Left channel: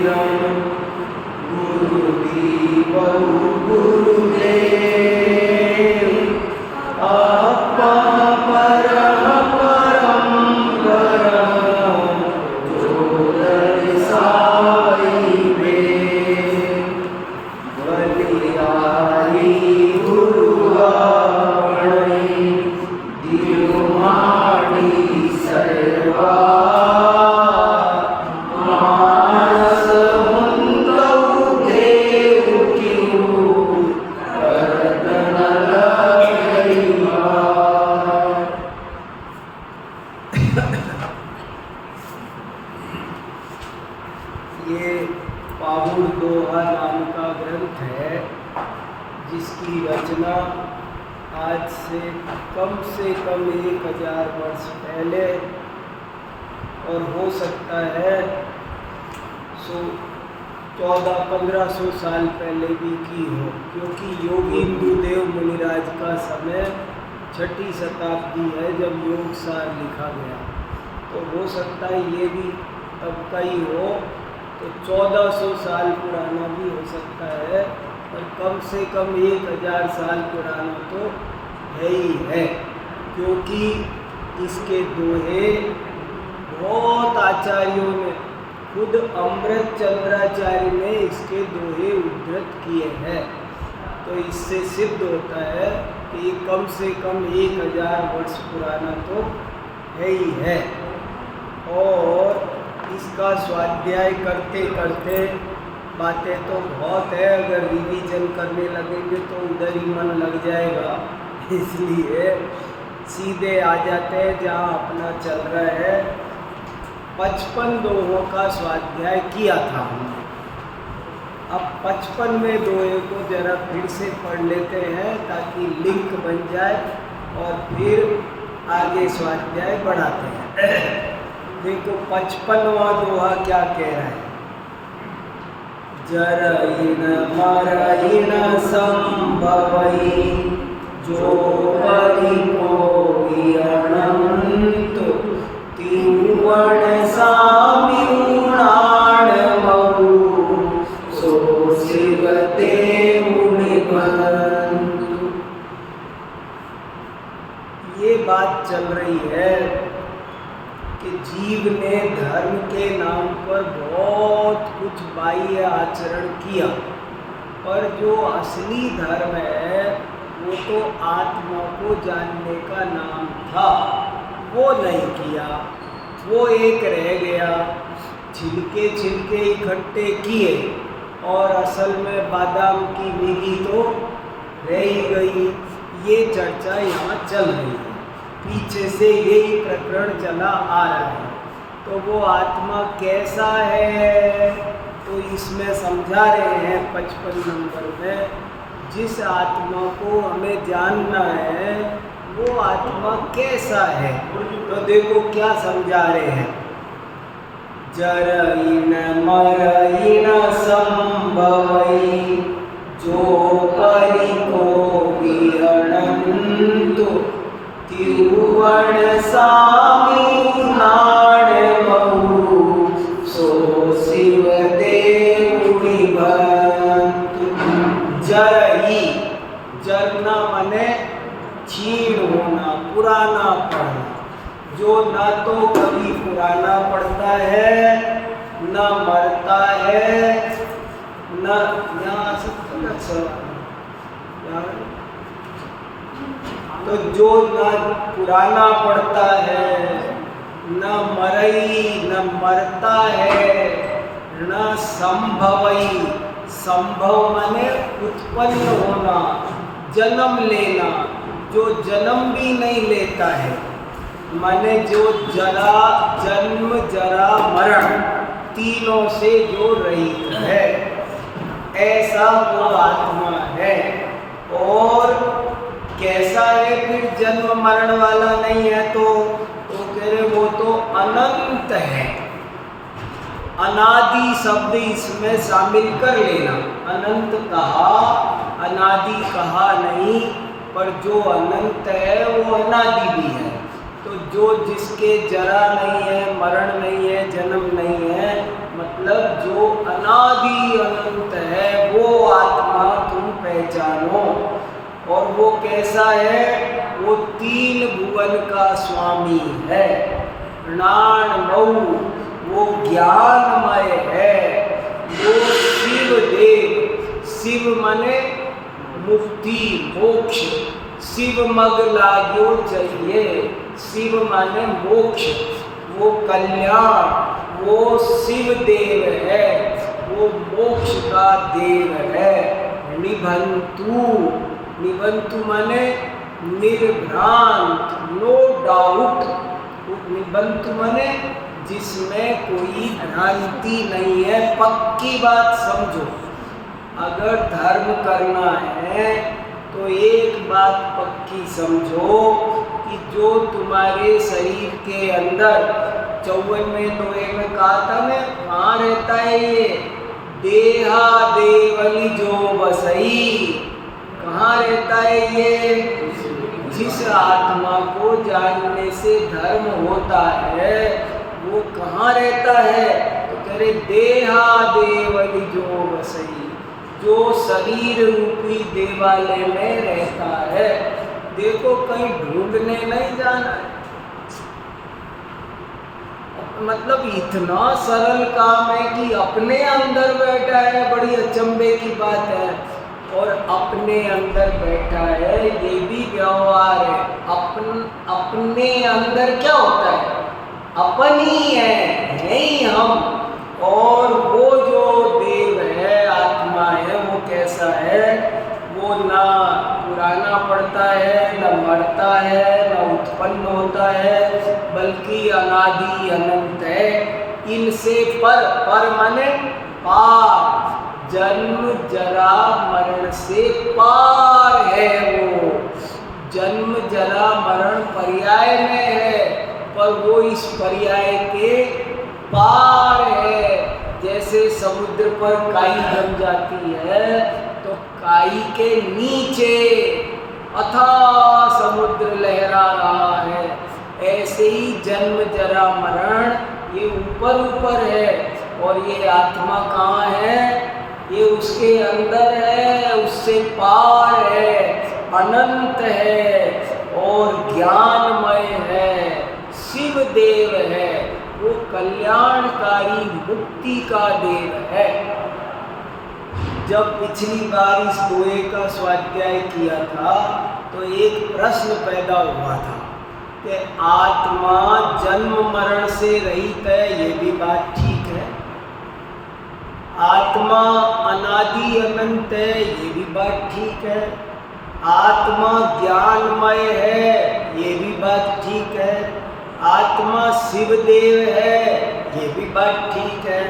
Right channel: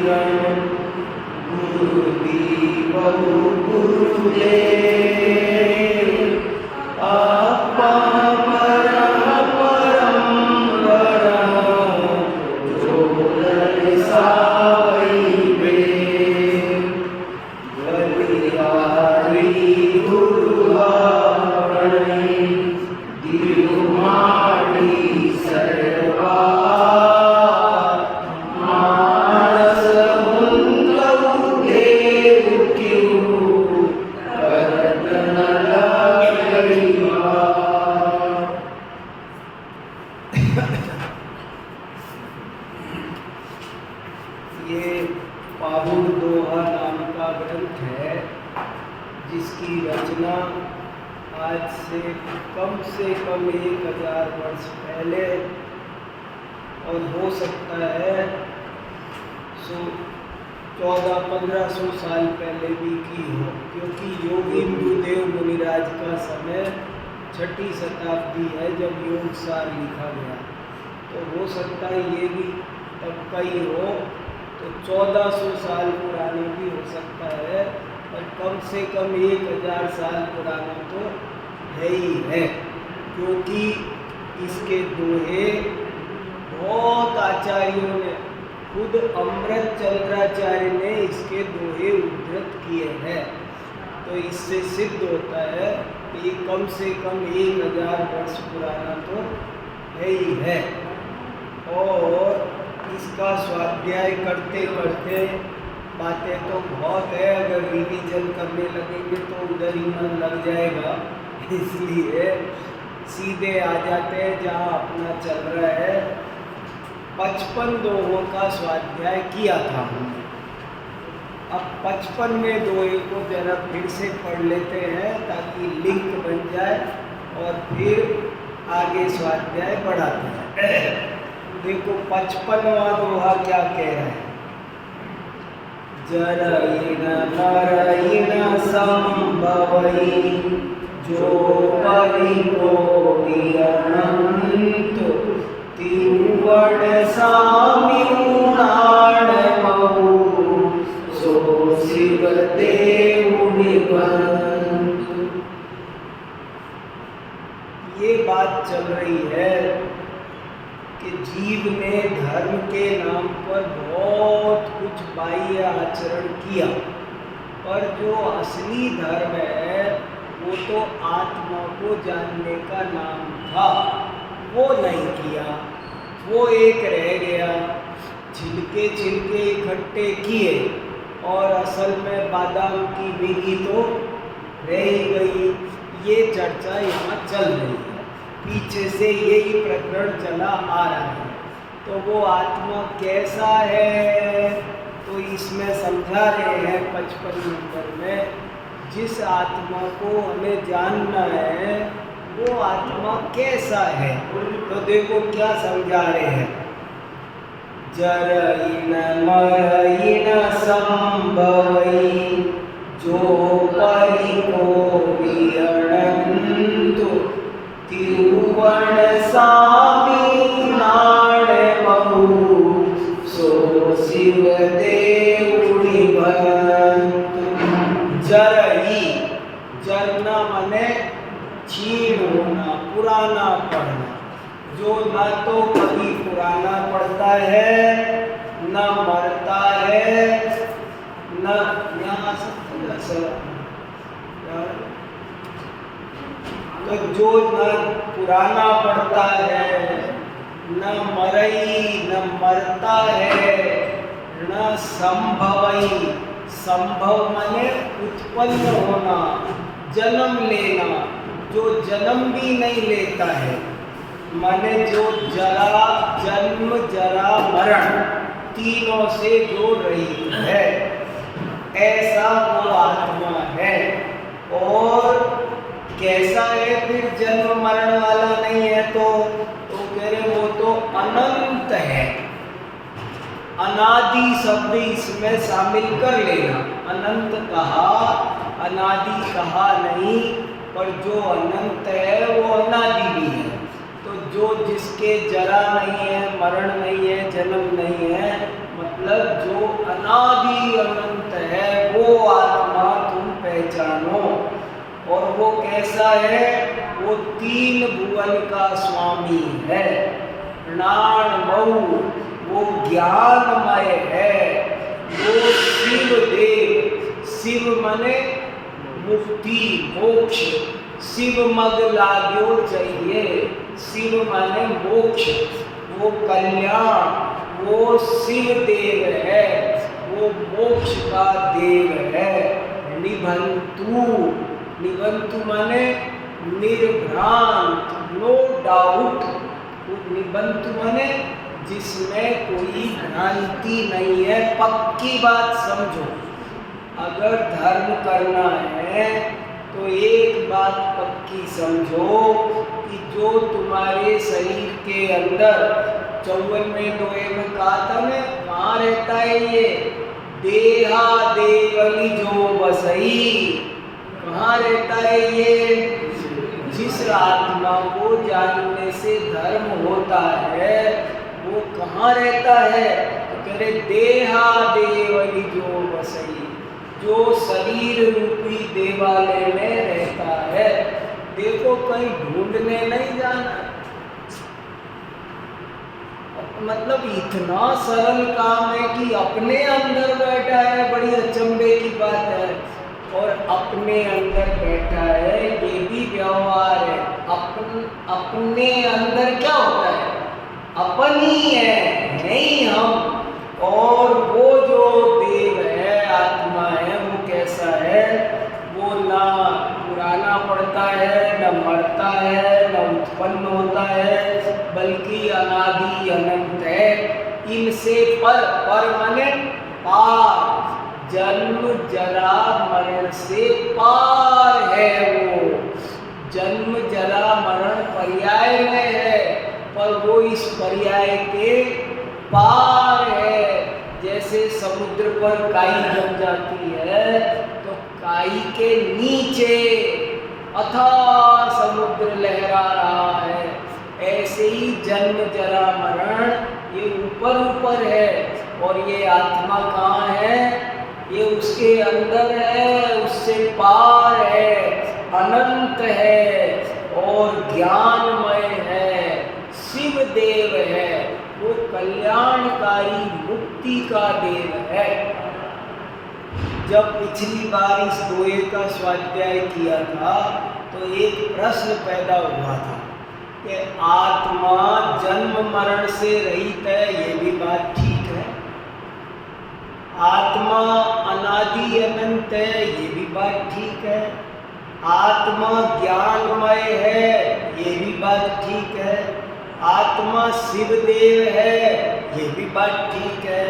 किरण गुरु दीवहु गुरुदेव आपा परम परम गरम जो दर्शावई बेन बलिहारी गुरुवाणी दिरुमाणी सर्वा मानस मुंदउ देव क्यों करत न लगइबा। ये पाहुन दोहा नाम का ग्रंथ है जिसकी रचना आज से कम 1000 वर्ष पहले और हो सकता है 1400-1500 साल पहले भी की हो, क्योंकि योगी गुरुदेव मुनिराज का समय 6ठी शताब्दी है जब योग सार लिखा गया। तो हो सकता है ये भी तब का ही हो, तो 1400 साल पुराना भी हो सकता है, पर कम से कम 1000 साल पुराना तो है ही है, क्योंकि इसके दोहे बहुत आचार्यों ने, खुद अमृत चंद्राचार्य ने इसके दोहे उद्धृत किए हैं। तो इससे सिद्ध होता है कि ये कम से कम 1000 वर्ष पुराना तो है ही है। और इसका स्वाध्याय करते करते बातें तो बहुत है, अगर रिवीजन करने लगेंगे तो उधर ही मन लग जाएगा, इसलिए सीधे आ जाते हैं जहाँ अपना चल रहा है। 55 दोहों का स्वाध्याय किया था हमने, अब 55वें दोहे को जरा फिर से पढ़ लेते हैं ताकि लिंक बन जाए और फिर आगे स्वाध्याय बढ़ाते हैं। देखो 55वां दोहा क्या कह रहा है। जरयिण मरयिण संभवई जो परिकोटि अनंत तिरुवण साम्यूणाण महु सो शिव देव निबंध। ये बात चल रही है कि जीव ने धर्म के नाम पर बहुत कुछ बाह्य आचरण किया, पर जो असली धर्म है वो तो आत्मा को जानने का नाम था, वो नहीं किया, वो एक रह गया। छिलके छिलके इकट्ठे किए और असल में बादाम की मिगी तो रह ही गई। ये चर्चा यहाँ चल रही है, पीछे से यही प्रकरण चला आ रहा है। तो वो आत्मा कैसा है तो इसमें समझा रहे हैं 55 नंबर में। जिस आत्मा को हमें जानना है वो आत्मा कैसा है, तो देखो क्या समझा रहे हैं। जरयिण मरयिण संभवई जो परिकोटि अनंत तिरुवण साम्यूणाण महु सो शिव देव निबंध। जरई, जरना माने क्षीण होना, पुराना पड़ना, जो ना तो कभी पुराना पड़ता है न मरता है न यहाँ तो जो न पुराना पड़ता है न मरई न मरता है न संभवई। संभव माने उत्पन्न होना, जन्म लेना, जो जन्म भी नहीं लेता है, माने जो जरा जन्म जरा मरण तीनों से जो रहित है, ऐसा वो आत्मा है। और कैसा है फिर, जन्म मरण वाला नहीं है तो कह रहे वो तो अनंत है। अनादि शब्द इसमें शामिल कर लेना। अनंत कहा, अनादि कहा नहीं, पर जो अनंत है वो अनादि भी है। तो जो जिसके जरा नहीं है, मरण नहीं है, जन्म नहीं है, मतलब जो अनादि अनंत है वो आत्मा तुम पहचानो। और वो कैसा है? वो 3 भुवन का स्वामी है। प्राणमयु, वो ज्ञानमय है। वो शिव देव, शिव माने मुक्ति मोक्ष, शिव मग लाग्यो चाहिए, शिव माने मोक्ष, वो कल्याण, वो शिव देव है, वो मोक्ष का देव है। निबंतु, निबंतु माने निर्भ्रांत, नो डाउट। निबंतु माने जिसमें कोई भ्रांति नहीं है, पक्की बात समझो। अगर धर्म करना है तो एक बात पक्की समझो कि जो तुम्हारे शरीर के अंदर 54वें दोहे में कहा था मैं, कहाँ रहता है ये? देहा देवली जो बसई, कहाँ रहता है ये? जिस आत्मा को जानने से धर्म होता है वो कहाँ रहता है? तो कह रहे देहा देवली जो बसई, जो शरीर रूपी देवालय में रहता है। देखो कहीं ढूंढने नहीं जाना है, मतलब इतना सरल काम है कि अपने अंदर बैठा है, बड़ी अचंभे की बात है। और अपने अंदर बैठा है ये भी व्यवहार है। अपने अंदर क्या होता है? अपन ही है ही हम। और वो जो देव है, आत्मा है, वो कैसा है? वो ना पुराना पड़ता है, न मरता है, न उत्पन्न होता है, बल्कि अनादि अनंत है। इनसे पर माने पार, जन्म जरा मरण से पार है वो। जन्म जरा मरण पर्याय में है, पर वो इस पर्याय के पार है। जैसे समुद्र पर काई जम जाती है तो काई के नीचे अथाह समुद्र लहरा रहा है, ऐसे ही जन्म जरा मरण ये ऊपर ऊपर है। और ये आत्मा कहाँ है? ये उसके अंदर है, उससे पार है, अनंत है और ज्ञानमय है, शिव देव है, वो कल्याणकारी मुक्ति का देव है। जब पिछली बार इस दोहे का स्वाध्याय किया था तो एक प्रश्न पैदा हुआ था कि आत्मा जन्म मरण से रहित है, ये भी बात ठीक है। आत्मा अनादि अनंत है, ये भी बात ठीक है। आत्मा ज्ञानमय है, ये भी बात ठीक है। आत्मा शिवदेव है, ये भी बात ठीक है।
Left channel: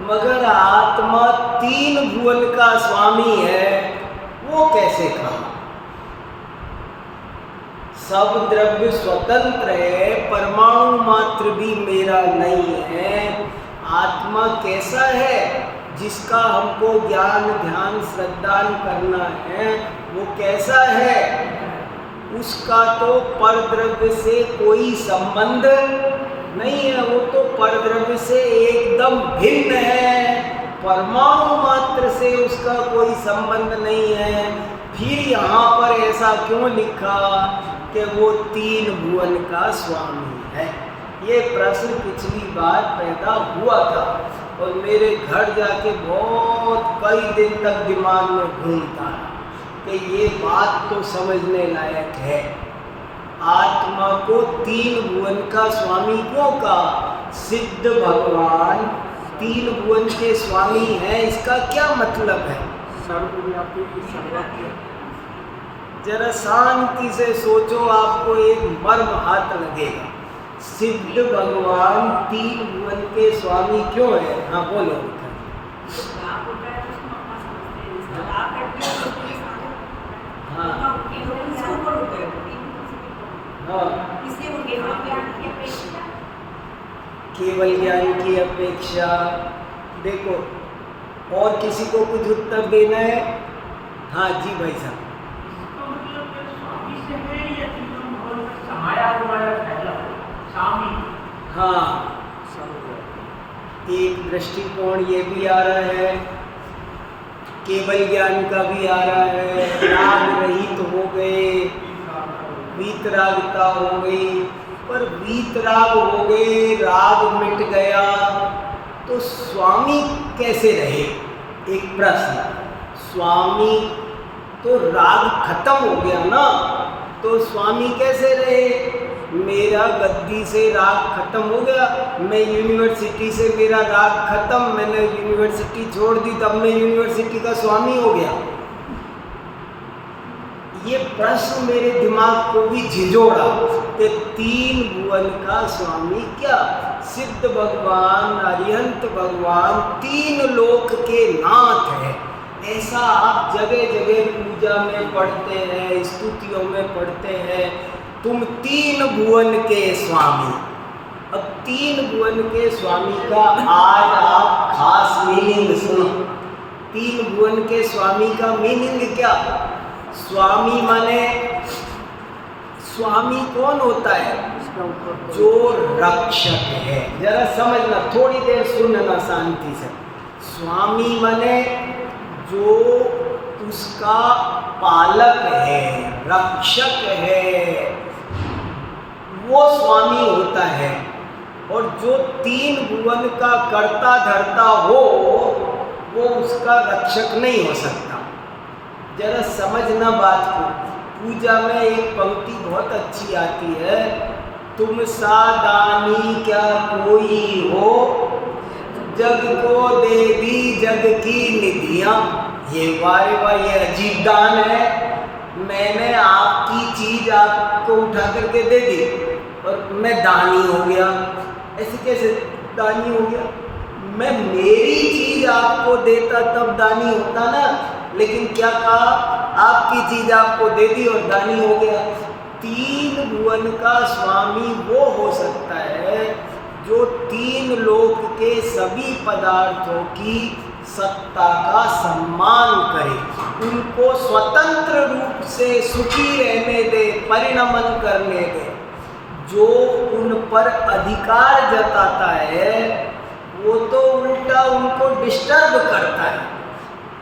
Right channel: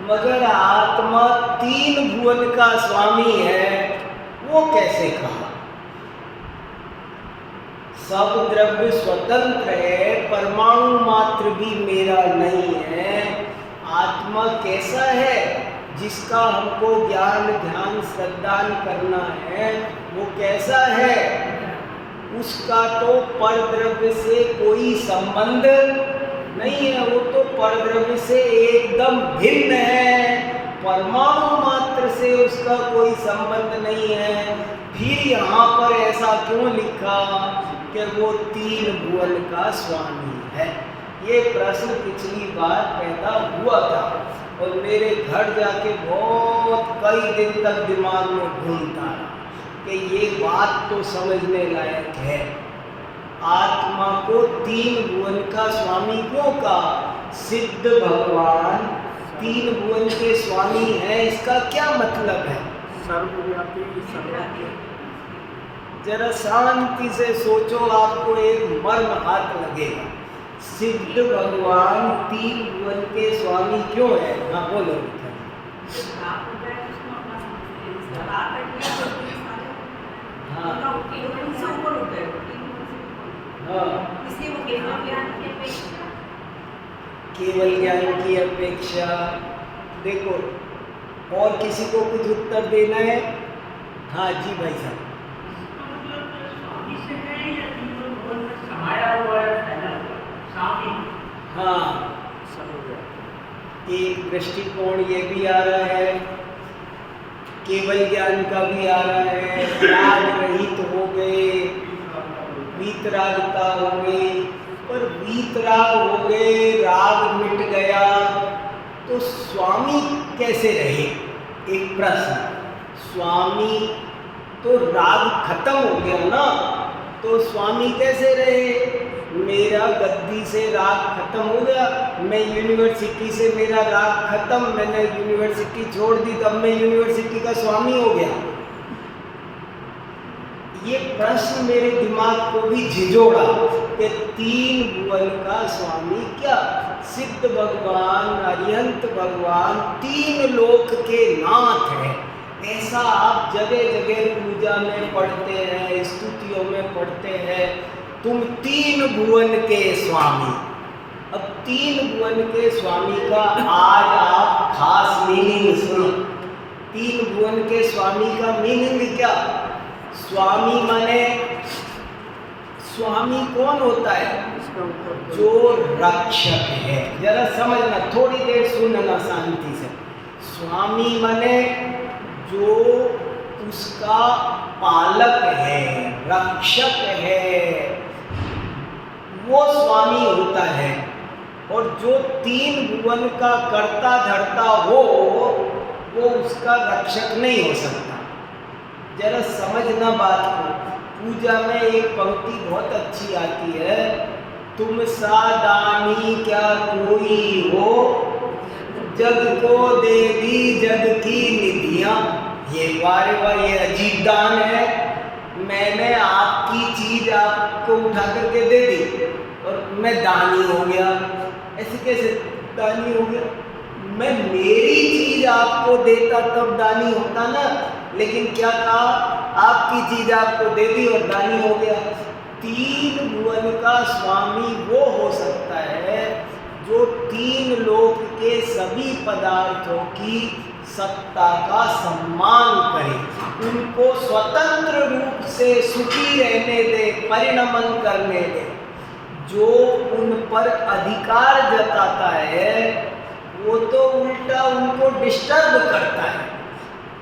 मगर आत्मा 3 भुवन का स्वामी है, वो कैसे कहा? सब द्रव्य स्वतंत्र है, परमाणु मात्र भी मेरा नहीं है। आत्मा कैसा है? जिसका हमको ज्ञान ध्यान श्रद्धान करना है, वो कैसा है? उसका तो परद्रव्य से कोई संबंध नहीं है, वो तो परद्रव्य से एकदम भिन्न है, परमाणु मात्र से उसका कोई संबंध नहीं है। फिर यहाँ पर ऐसा क्यों लिखा कि वो 3 भुवन का स्वामी है? ये प्रश्न पिछली बार पैदा हुआ था और मेरे घर जाके बहुत कई दिन तक दिमाग में घूमता रहा कि ये बात तो समझने लायक है। आत्मा को 3 भुवन का स्वामी क्यों कहा? सिद्ध भगवान 3 भुवन के स्वामी हैं, इसका क्या मतलब है? सर्वव्यापी सर्वज्ञ। जरा शांति से सोचो, आपको एक मर्म हाथ लगेगा। सिद्ध भगवान 3 भुवन के स्वामी क्यों है? हाँ बोलो। हाँ हाँ, केवल ज्ञान की अपेक्षा। देखो और किसी को कुछ उत्तर देना है? हाँ जी भाई साहब। हाँ एक दृष्टिकोण ये भी आ रहा है, केवल ज्ञान का भी आ रहा है, राग रहित हो गए, वीतरागता हो गई। पर वीतराग हो गए, राग मिट गया, तो स्वामी कैसे रहे? एक प्रश्न। स्वामी तो राग खत्म हो गया ना, तो स्वामी कैसे रहे? मेरा गद्दी से राग खत्म हो गया, मैं यूनिवर्सिटी से मेरा राग खत्म, मैंने यूनिवर्सिटी छोड़ दी, तब मैं यूनिवर्सिटी का स्वामी हो गया। ये प्रश्न मेरे दिमाग को भी झिझोड़ा कि तीन भुवन का स्वामी क्या? सिद्ध भगवान, अरिहंत भगवान तीन लोक के नाथ हैं। ऐसा आप जगह जगह पूजा में पढ़ते हैं, स्तुतियों में पढ़ते हैं, तुम तीन भुवन के स्वामी। अब तीन भुवन के स्वामी का आज आप खास मीनिंग सुनो। तीन भुवन के स्वामी का मीनिंग क्या? स्वामी माने, स्वामी कौन होता है? जो रक्षक है। जरा समझना, थोड़ी देर सुनना शांति से। स्वामी माने जो उसका पालक है, रक्षक है, वो स्वामी होता है। और जो तीन भुवन का कर्ता धर्ता हो, वो उसका रक्षक नहीं हो सकता। जरा समझना बात को। पूजा में एक पंक्ति बहुत अच्छी आती है, तुम सा दानी क्या कोई हो, जग को दे दी जग की निधियाँ। ये वारे वाह, ये अजीब दान है। मैंने आपकी चीज आपको उठा करके दे दी और मैं दानी हो गया। ऐसे कैसे दानी हो गया? मैं मेरी चीज आपको देता तब दानी होता ना, लेकिन क्या कहा? आपकी चीज आपको दे दी और दानी हो गया। तीन भुवन का स्वामी वो हो सकता है जो तीन लोक के सभी पदार्थों की सत्ता का सम्मान करे, उनको स्वतंत्र रूप से सुखी रहने दे, परिणमन करने दे। जो उन पर अधिकार जताता है वो तो उल्टा उनको डिस्टर्ब करता है।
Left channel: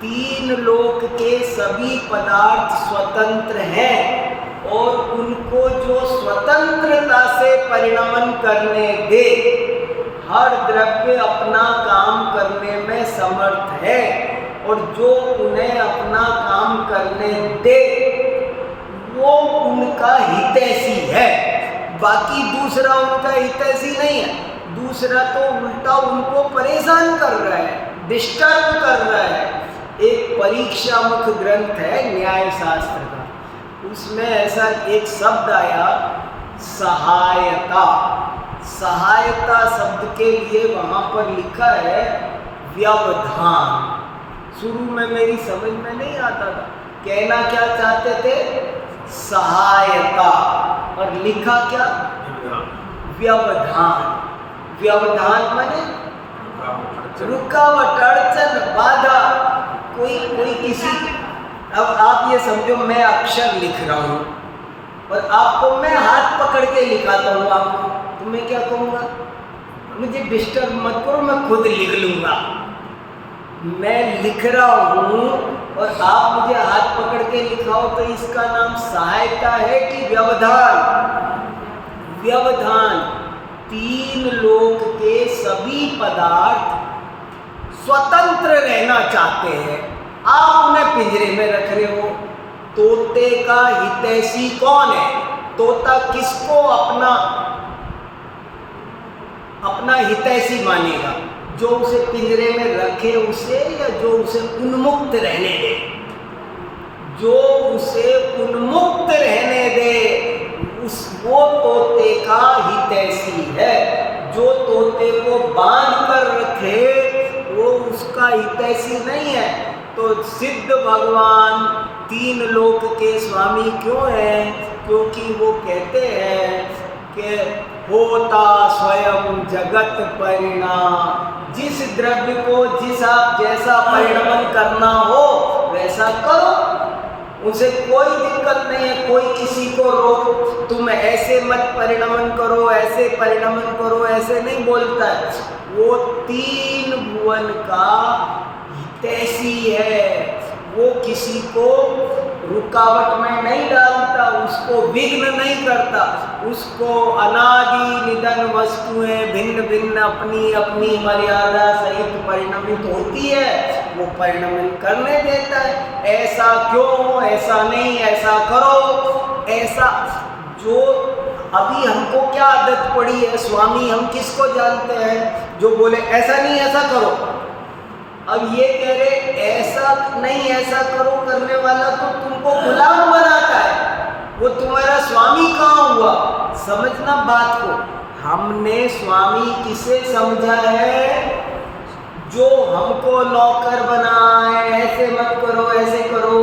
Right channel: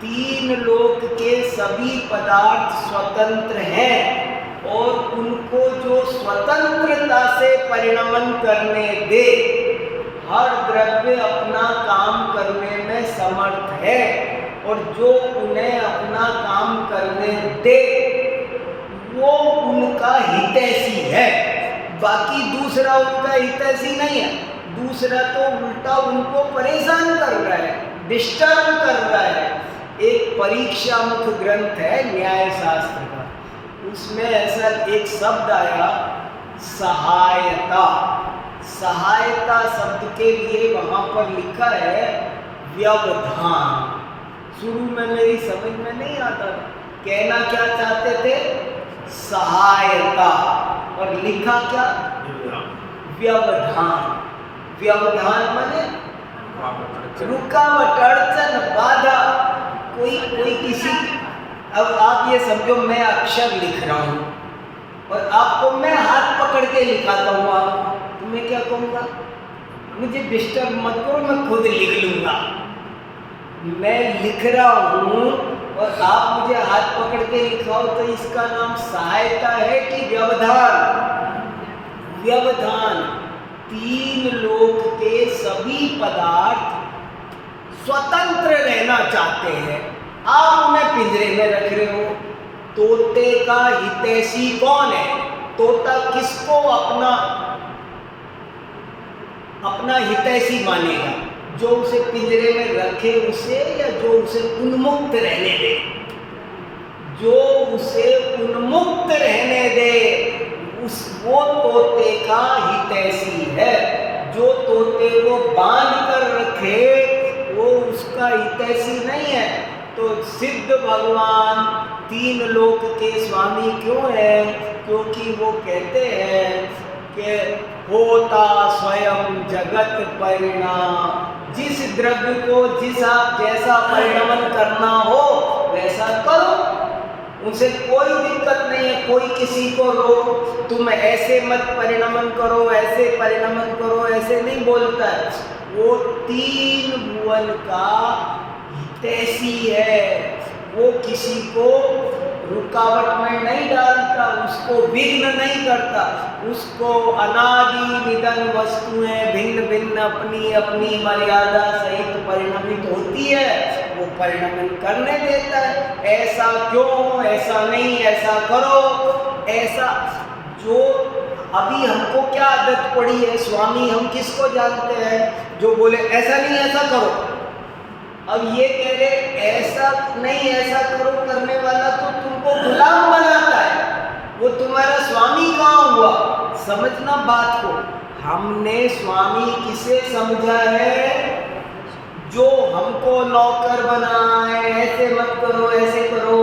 तीन लोक के सभी पदार्थ स्वतंत्र हैं और उनको जो स्वतंत्रता से परिणमन करने दे, हर द्रव्य अपना काम करने में समर्थ है और जो उन्हें अपना काम करने दे वो उनका हितैषी है। बाकी दूसरा उनका हितैषी नहीं है। दूसरा तो उल्टा उनको परेशान कर रहा है, डिस्टर्ब कर रहा है। एक परीक्षा मुख ग्रंथ है न्याय शास्त्र का, उसमें ऐसा एक शब्द आया, सहायता। सहायता शब्द के लिए वहाँ पर लिखा है व्यवधान। शुरू में मेरी समझ में नहीं आता था, कहना क्या चाहते थे? सहायता, और लिखा क्या? व्यवधान। व्यवधान माने रुकावट, अड़चन, बाधा। कोई किसी, अब आप ये समझो मैं अक्षर लिख रहा हूँ और आपको मैं हाथ पकड़ के लिखाता हूँ आपको, तो मैं क्या कहूँगा? मुझे डिस्टर्ब मत करो, मैं खुद लिख लूँगा। मैं लिख रहा हूँ और आप मुझे हाथ पकड़ के लिखाओ, तो इसका नाम सहायता है कि व्यवधान? व्यवधान। तीन लोक के सभी पदार्थ स्वतंत्र रहना चाहते हैं, आप उन्हें पिंजरे में रख रहे हो। तोते का हितैषी कौन है? तोता किसको अपना हितैषी मानेगा? जो उसे पिंजरे में रखे उसे, या जो उसे उन्मुक्त रहने दे? जो उसे उन्मुक्त रहने दे वो तोते का हितैषी है। जो तोते को बांध कर रखे वो उसका हितैषी नहीं है। तो सिद्ध भगवान तीन लोक के स्वामी क्यों हैं? क्योंकि वो कहते हैं कि होता स्वयं जगत परिणाम। जिस द्रव्य को जैसा परिणमन करना हो वैसा करो, उनसे कोई दिक्कत नहीं है, कोई किसी को रोक तुम ऐसे मत परिणमन करो, ऐसे परिणमन करो, ऐसे नहीं बोलता है। वो तीन भुवन का हितैषी है, वो किसी को रुकावट में नहीं डालता, उसको विघ्न नहीं करता, उसको अनादि निधन वस्तुएं भिन्न भिन्न अपनी अपनी मर्यादा सहित परिणमित होती है, वो परिणमन करने देता है। ऐसा क्यों, ऐसा नहीं, ऐसा करो, ऐसा जो अभी हमको क्या आदत पड़ी है, स्वामी हम किसको जानते हैं जो बोले ऐसा नहीं ऐसा करो। अब ये कह रहे ऐसा नहीं ऐसा करो करने वाला तो तुमको गुलाम बनाता है, वो तुम्हारा स्वामी कहाँ हुआ? समझना बात को। हमने स्वामी किसे समझा है? जो हमको नौकर बनाए, ऐसे मत करो ऐसे करो।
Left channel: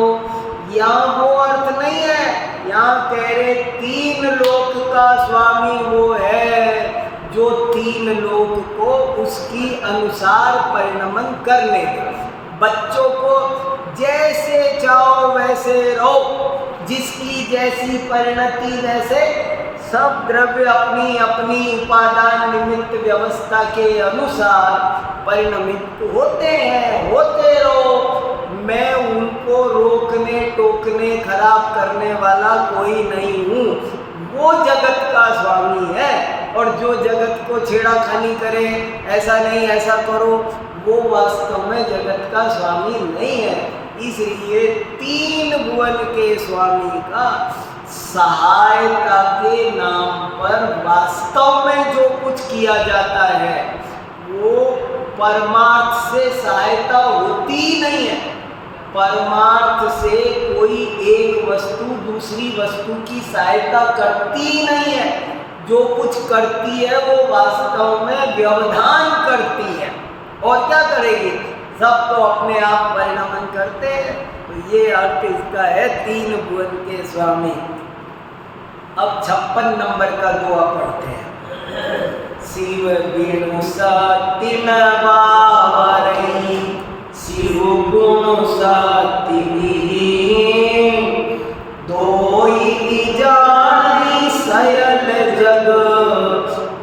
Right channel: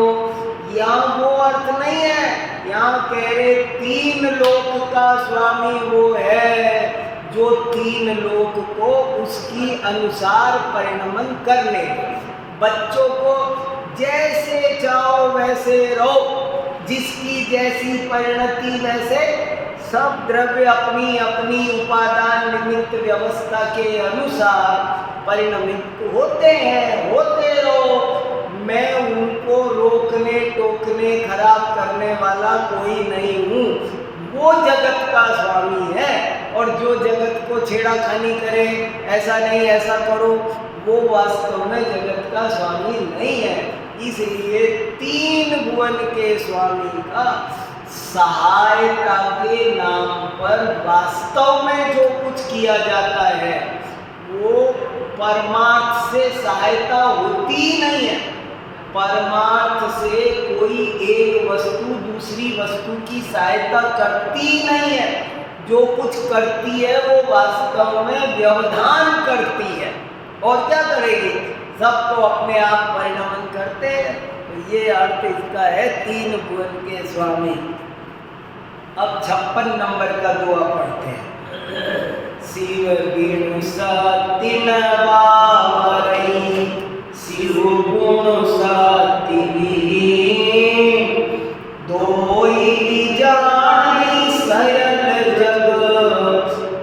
यहाँ वो अर्थ नहीं है, यहाँ कह रहे तीन लोक का स्वामी वो है जो तीन लोक को उसकी अनुसार परिणमन करने दे। बच्चों को जैसे चाहो वैसे रहो, जिसकी जैसी परिणति वैसे सब द्रव्य अपनी अपनी उपादान निमित्त व्यवस्था के अनुसार परिणमित होते हैं, होते रहो। मैं उनको रोकने टोकने खराब करने वाला कोई नहीं हूँ, वो जगत का स्वामी है। और जो जगत को छेड़ाखानी करे, ऐसा नहीं ऐसा करो, वो वास्तव में जगत का स्वामी नहीं है। इसलिए तीन भुवन के स्वामी का सहायता के नाम पर वास्तव में जो कुछ किया जाता है वो परमार्थ से सहायता होती ही नहीं है। परमार्थ से कोई एक वस्तु दूसरी वस्तु की सहायता करती ही नहीं है। जो कुछ करती है वो वास्तव में व्यवधान करती है, और क्या करेगी? सब तो अपने आप परिणमन करते हैं। तो ये अर्थ इसका है तीन भुवन के स्वामी। अब 56 नंबर का दुआ पढ़ते हैं। शिव बिनु सति न बावरई, शिव गुण सति विहीन, दोई जानी सयल जग,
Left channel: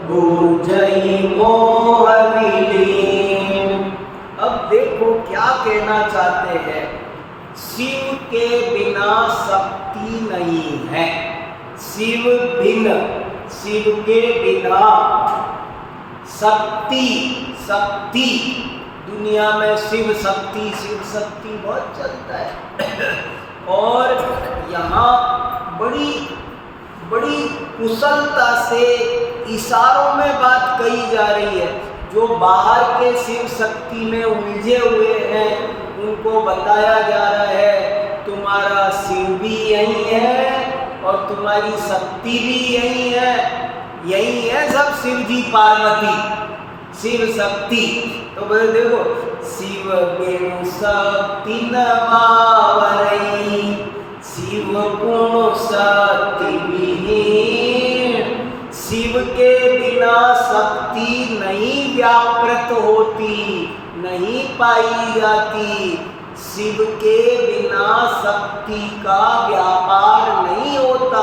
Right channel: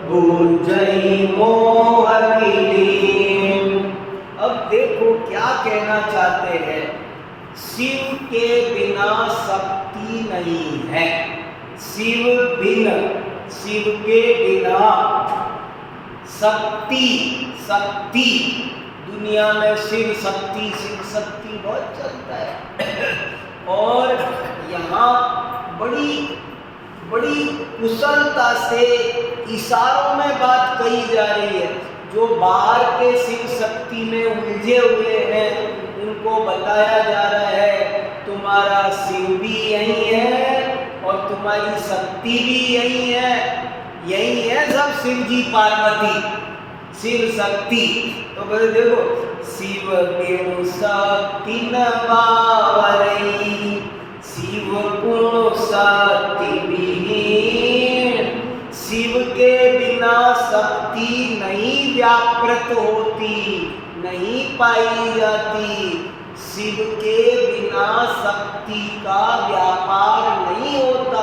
बुझई मोह विलीन। अब देखो क्या कहना चाहते हैं। शिव के बिना शक्ति नहीं है। शिव के बिना शक्ति दुनिया में शिव शक्ति बहुत चलता है। और यहाँ बड़ी कुशलता से इशारों में बात कही जा रही है। जो बाहर के शिव शक्ति में उलझे हुए हैं उनको बताया जा रहा है तुम्हारा शिव भी यही है और तुम्हारी शक्ति भी यही है सब शिव जी पार्वती शिव शक्ति। तो बोले देखो शिव बिनु शक्ति न बावरई, शिव गुण शक्ति विहीन। शिव के बिना शक्ति नहीं व्यापृत होती, नहीं पाई जाती। शिव के बिना शक्ति का व्यापार नहीं होता।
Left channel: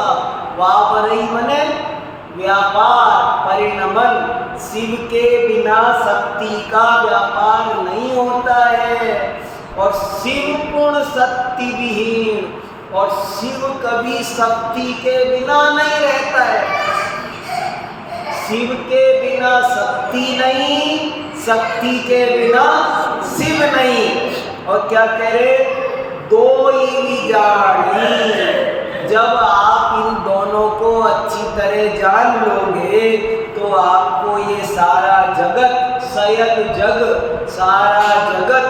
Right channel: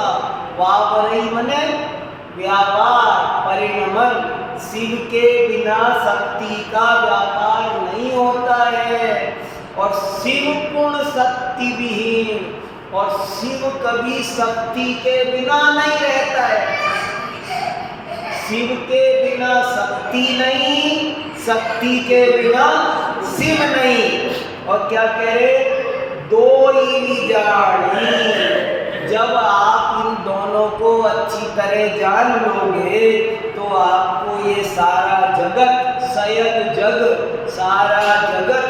वावरई मने व्यापार, परिणमन। शिव के बिना शक्ति का व्यापार नहीं होता है। और शिव पूर्ण शक्ति विहीन, और शिव कभी शक्ति के बिना नहीं रहता है। शिव के बिना शक्ति नहीं, शक्ति के बिना शिव नहीं। और क्या कह रहे? दो ही जानी। जब आप इन दोनों को अच्छी तरह जान लोगे तो आपको ये सारा जगत, सयद जग, सारा जगत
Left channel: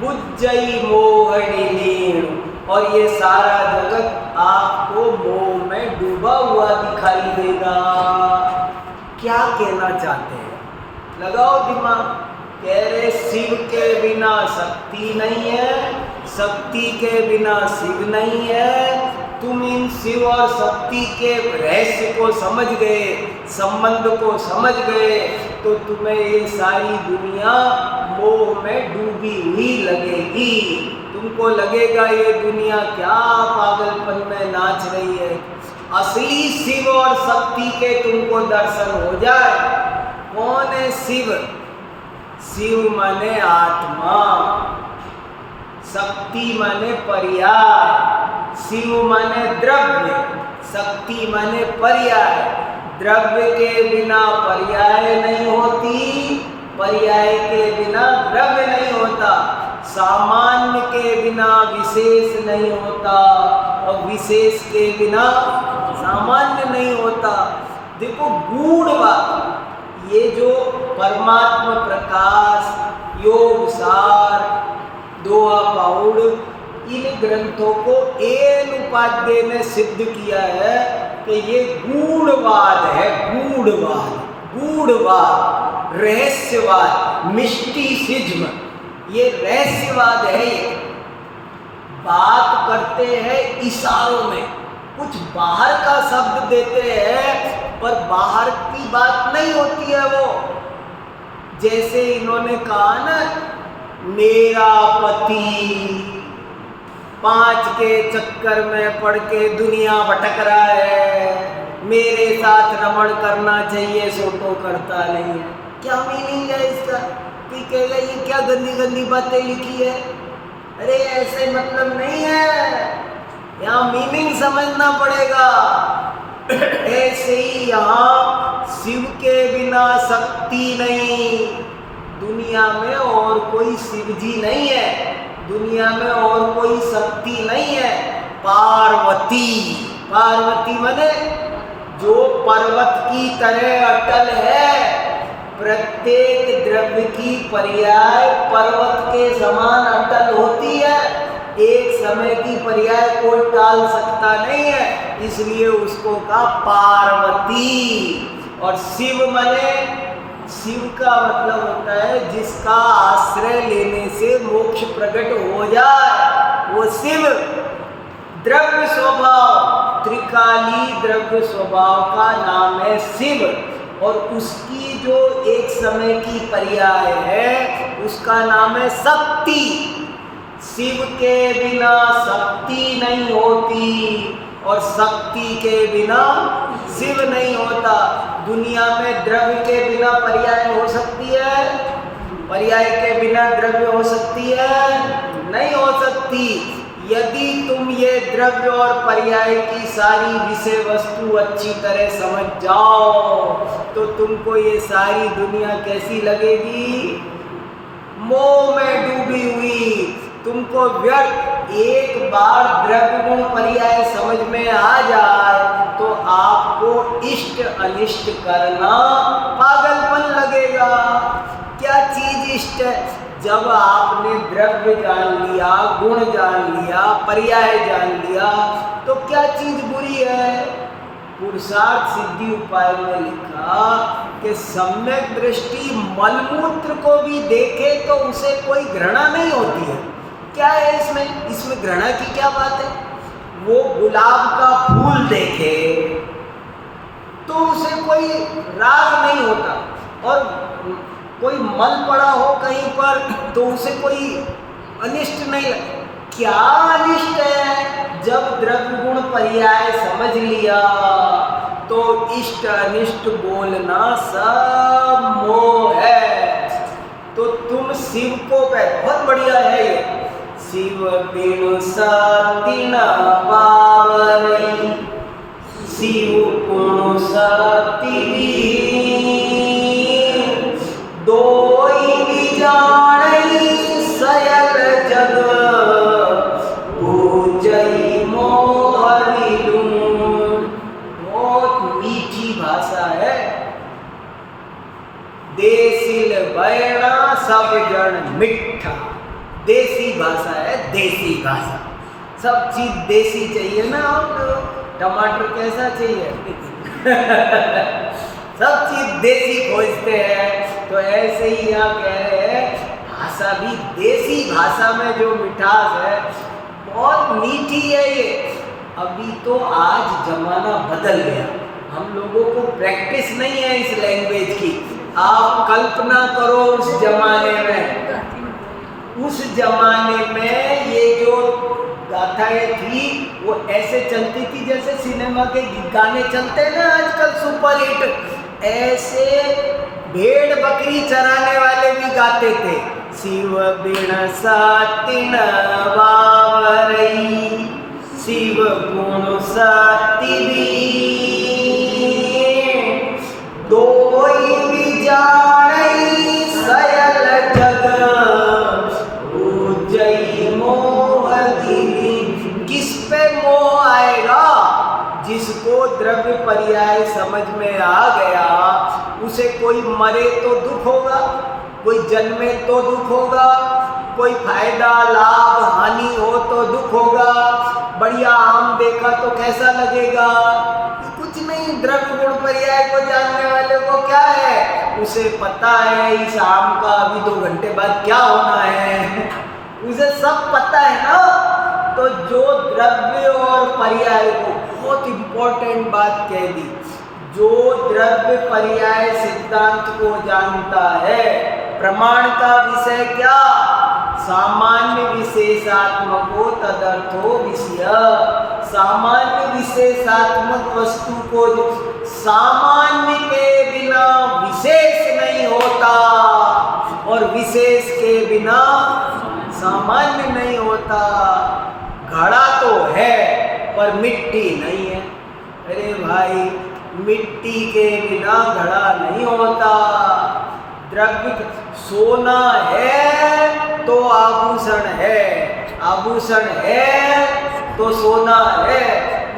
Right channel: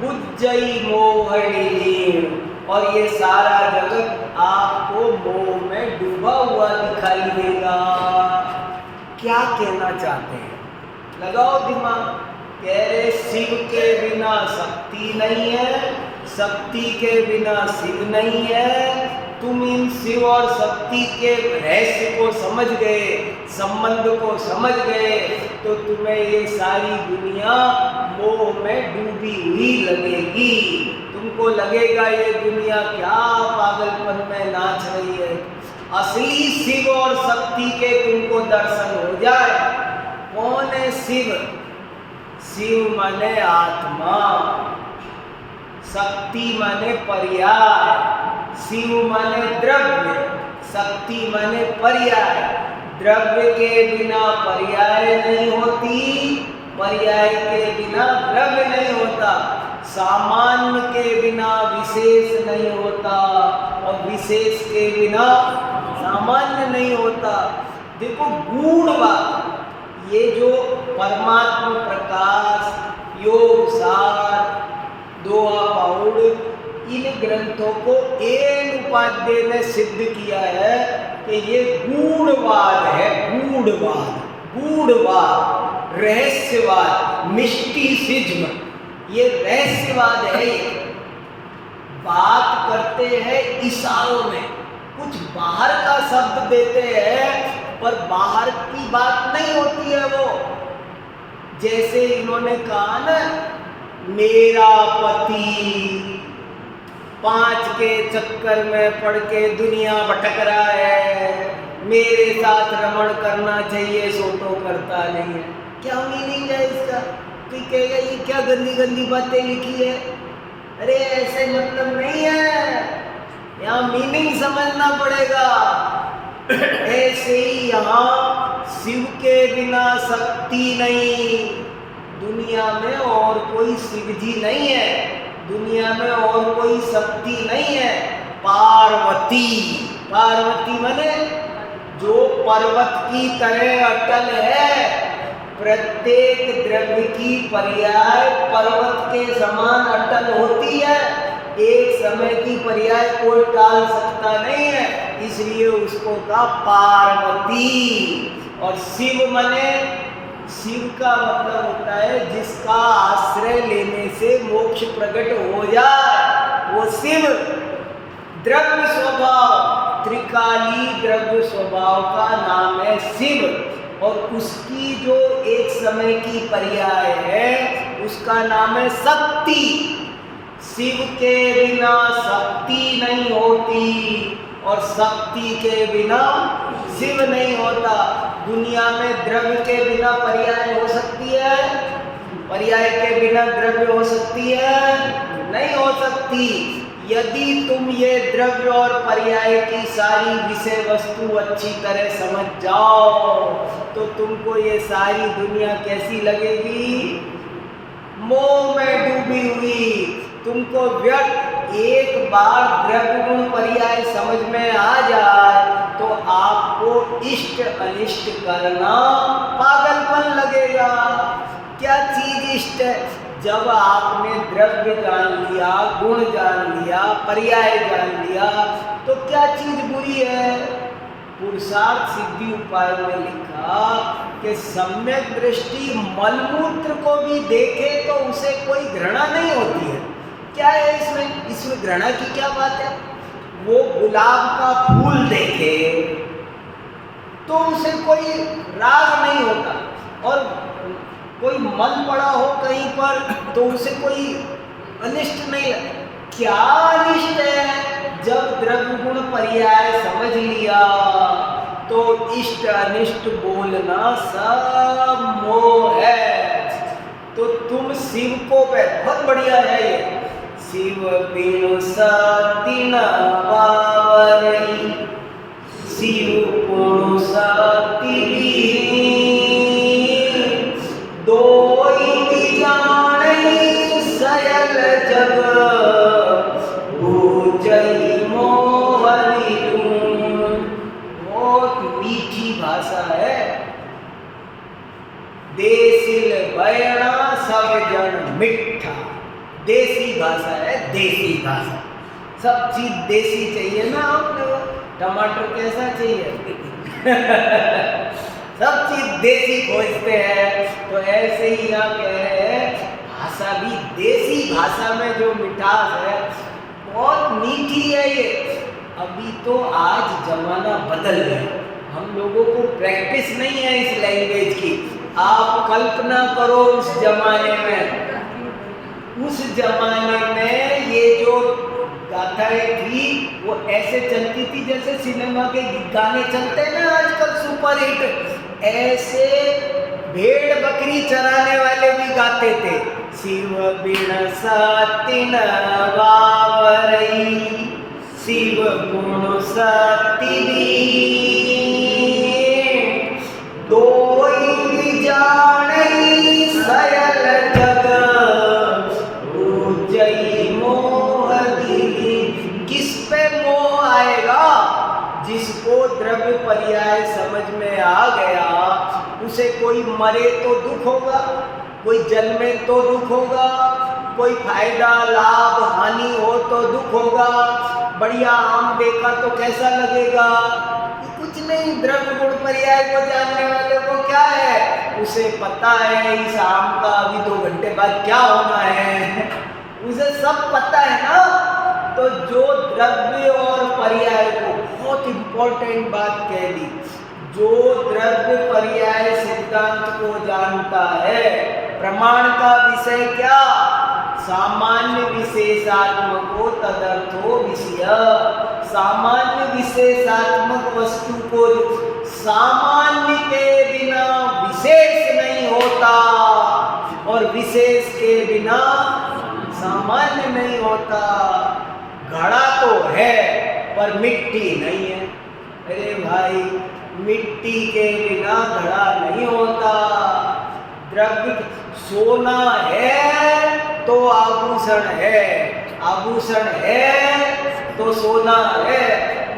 बुझई मोह विलीन, और ये सारा जगत आपको मोह में डूबा हुआ दिखाई देगा। क्या कहना चाहते हैं? लगाओ दिमाग। कह रहे शिव के बिना शक्ति नहीं है, शक्ति के बिना शिव नहीं है। तुम इन शिव और शक्ति के रहस्य को समझ गए, संबंध को समझ गए, तो तुम्हें ये सारी दुनिया मोह में डूबी हुई लगेगी। तुमको लगेगा ये दुनिया क्या पागलपन में नाच रही है। असली शिव और शक्ति के तुमको दर्शन हो जाए। कौन है शिव? शिव माने आत्मा, शक्ति माने पर्याय। शिव माने द्रव्य, शक्ति माने पर्याय। द्रव्य के बिना पर्याय नहीं होती, पर्याय के बिना द्रव्य नहीं होता, सामान्य के बिना विशेष नहीं होता और विशेष के बिना सामान्य नहीं होता। देखो गूढ़ बात, ये जो परमात्मा प्रकाश, योग सार, दोहा पौड़, इन ग्रंथों को एन उपाध्याय ने सिद्ध किया है कि ये गूढ़वाद है। गूढ़वाद, गूढ़वाद, रहस्यवाद, मिस्टिसिज्म, ये रहस्यवाद है। ये बात करते हैं इशारों में, कुछ बाहर का शब्द देते हैं पर बाहर की बात नहीं होती है वो। जैसे इन्होंने कहा ना, मेरा पति 5 के चक्कर में पड़ के दुनिया भटक रहा है, मेरे साथ रमण करना चाहिए सो तो करता नहीं है। क्या मीनिंग है इसका? कोई कहेगा ये क्या गंदी गंदी बातें लिखी है। अरे ऐसे मतलब नहीं है, यहाँ मीनिंग समझना पड़ेगा। ऐसे ही यहाँ शिव के बिना शक्ति नहीं। दुनिया में और कोई शिव जी नहीं है, दुनिया में और कोई शक्ति नहीं है। पार्वती, पार्वती माने जो पर्वत की तरह अटल है। प्रत्येक द्रव्य की पर्याय पर्वत के समान अटल होती है। एक समय की पर्याय कोई टाल सकता नहीं है, इसलिए उसको कहा पार्वती। और शिव माने, शिव का मतलब होता है जिसका आश्रय लेने से मोक्ष प्रकट हो जाए, वो शिव। द्रव्य स्वभाव, त्रिकाली द्रव्य स्वभाव का नाम है शिव। और उसकी जो एक समय की पर्याय है उसका नाम है शक्ति। शिव के बिना शक्ति नहीं होती और शक्ति के बिना शिव नहीं होता। दुनिया में द्रव्य के बिना पर्याय हो सकती है? पर्याय के बिना द्रव्य हो सकती है? नहीं हो सकती। यदि तुम ये द्रव्य और पर्याय की सारी विषय वस्तु अच्छी तरह समझ जाओ तो तुमको ये सारी दुनिया कैसी लगेगी? मोह में डूबी हुई। तुमको व्यर्थ एक बार द्रव्य गुण पर्याय समझ में आ जाए तो आपको इष्ट अनिष्ट करना पागलपन लगेगा। क्या चीज इष्ट है? जब आपने द्रव्य जान लिया, गुण जान लिया, पर्याय जान लिया तो क्या चीज बुरी है? पुरुषार्थ सिद्धि उपाय में लिखा कि सम्यक दृष्टि मलमूत्र को भी देखे तो उसे कोई घृणा नहीं होती है। क्या है इसमें? इसमें घृणा की क्या बात है? वो गुलाब का फूल देखे तो उसे कोई राग नहीं होता, और कोई मल पड़ा हो कहीं पर तो उसे कोई अनिष्ट नहीं लगे। क्या अनिष्ट है? जब द्रव्य गुण पर्याय समझ लिया तो इष्ट अनिष्ट बोलना सब मोह है। तो तुम शिव को बहुत बढ़िया है ये। शिव बिनु सती न पावई, शिव गुण सती दोई जानै सयल जग, पूजई मोहरी लून। बहुत मीठी भाषा है। देसिल बैणा सब जन मिठा। देसी भाषा है, देसी भाषा। सब चीज देसी चाहिए ना। टमाटर कैसा चाहिए? सब चीज देसी खोजते हैं। तो ऐसे ही यहाँ कह रहे हैं भाषा भी देसी भाषा में जो मिठास है बहुत मीठी है ये। अभी तो आज जमाना बदल गया, हम लोगों को प्रैक्टिस नहीं है इस लैंग्वेज की। आप कल्पना करो उस जमाने में, उस जमाने में ये जो गाथाएं थी वो ऐसे चलती थी जैसे सिनेमा के गाने चलते हैं ना आजकल सुपर हिट, ऐसे भेड़ बकरी चराने वाले भी गाते थे। शिव बिन सतिन वावरई, शिव गुण सती दोई जाणई सयल जग उजई मोह दिली। किस पे मोह आएगा? जिसको द्रव्य पर्याय समझ में आ गया, उसे कोई मरे तो दुख होगा, कोई जन्मे तो दुख होगा, कोई फायदा लाभ हानि हो तो दुख होगा, बढ़िया आम देखा तो कैसा लगेगा? कुछ नहीं। द्रव्य गुण पर्याय को जानने वाले को क्या है? उसे पता है इस आम का अभी 2 घंटे बाद क्या होना है, उसे सब पता है ना। तो जो द्रव्य और पर्याय को बहुत इंपॉर्टेंट बात कह दी, जो द्रव्य पर्याय सिद्धांत को जानता है, प्रमाण का विषय क्या? सामान्य विशेषात्मको तदर्थो विषय। सामान्य विशेषात्मक वस्तु को सामान्य के बिना विशेष नहीं होता और विशेष के बिना सामान्य नहीं होता। घड़ा तो है पर मिट्टी नहीं है। अरे भाई, मिट्टी के बिना घड़ा नहीं होता। द्रव्य सोना है तो आभूषण है, आभूषण है तो सोना है।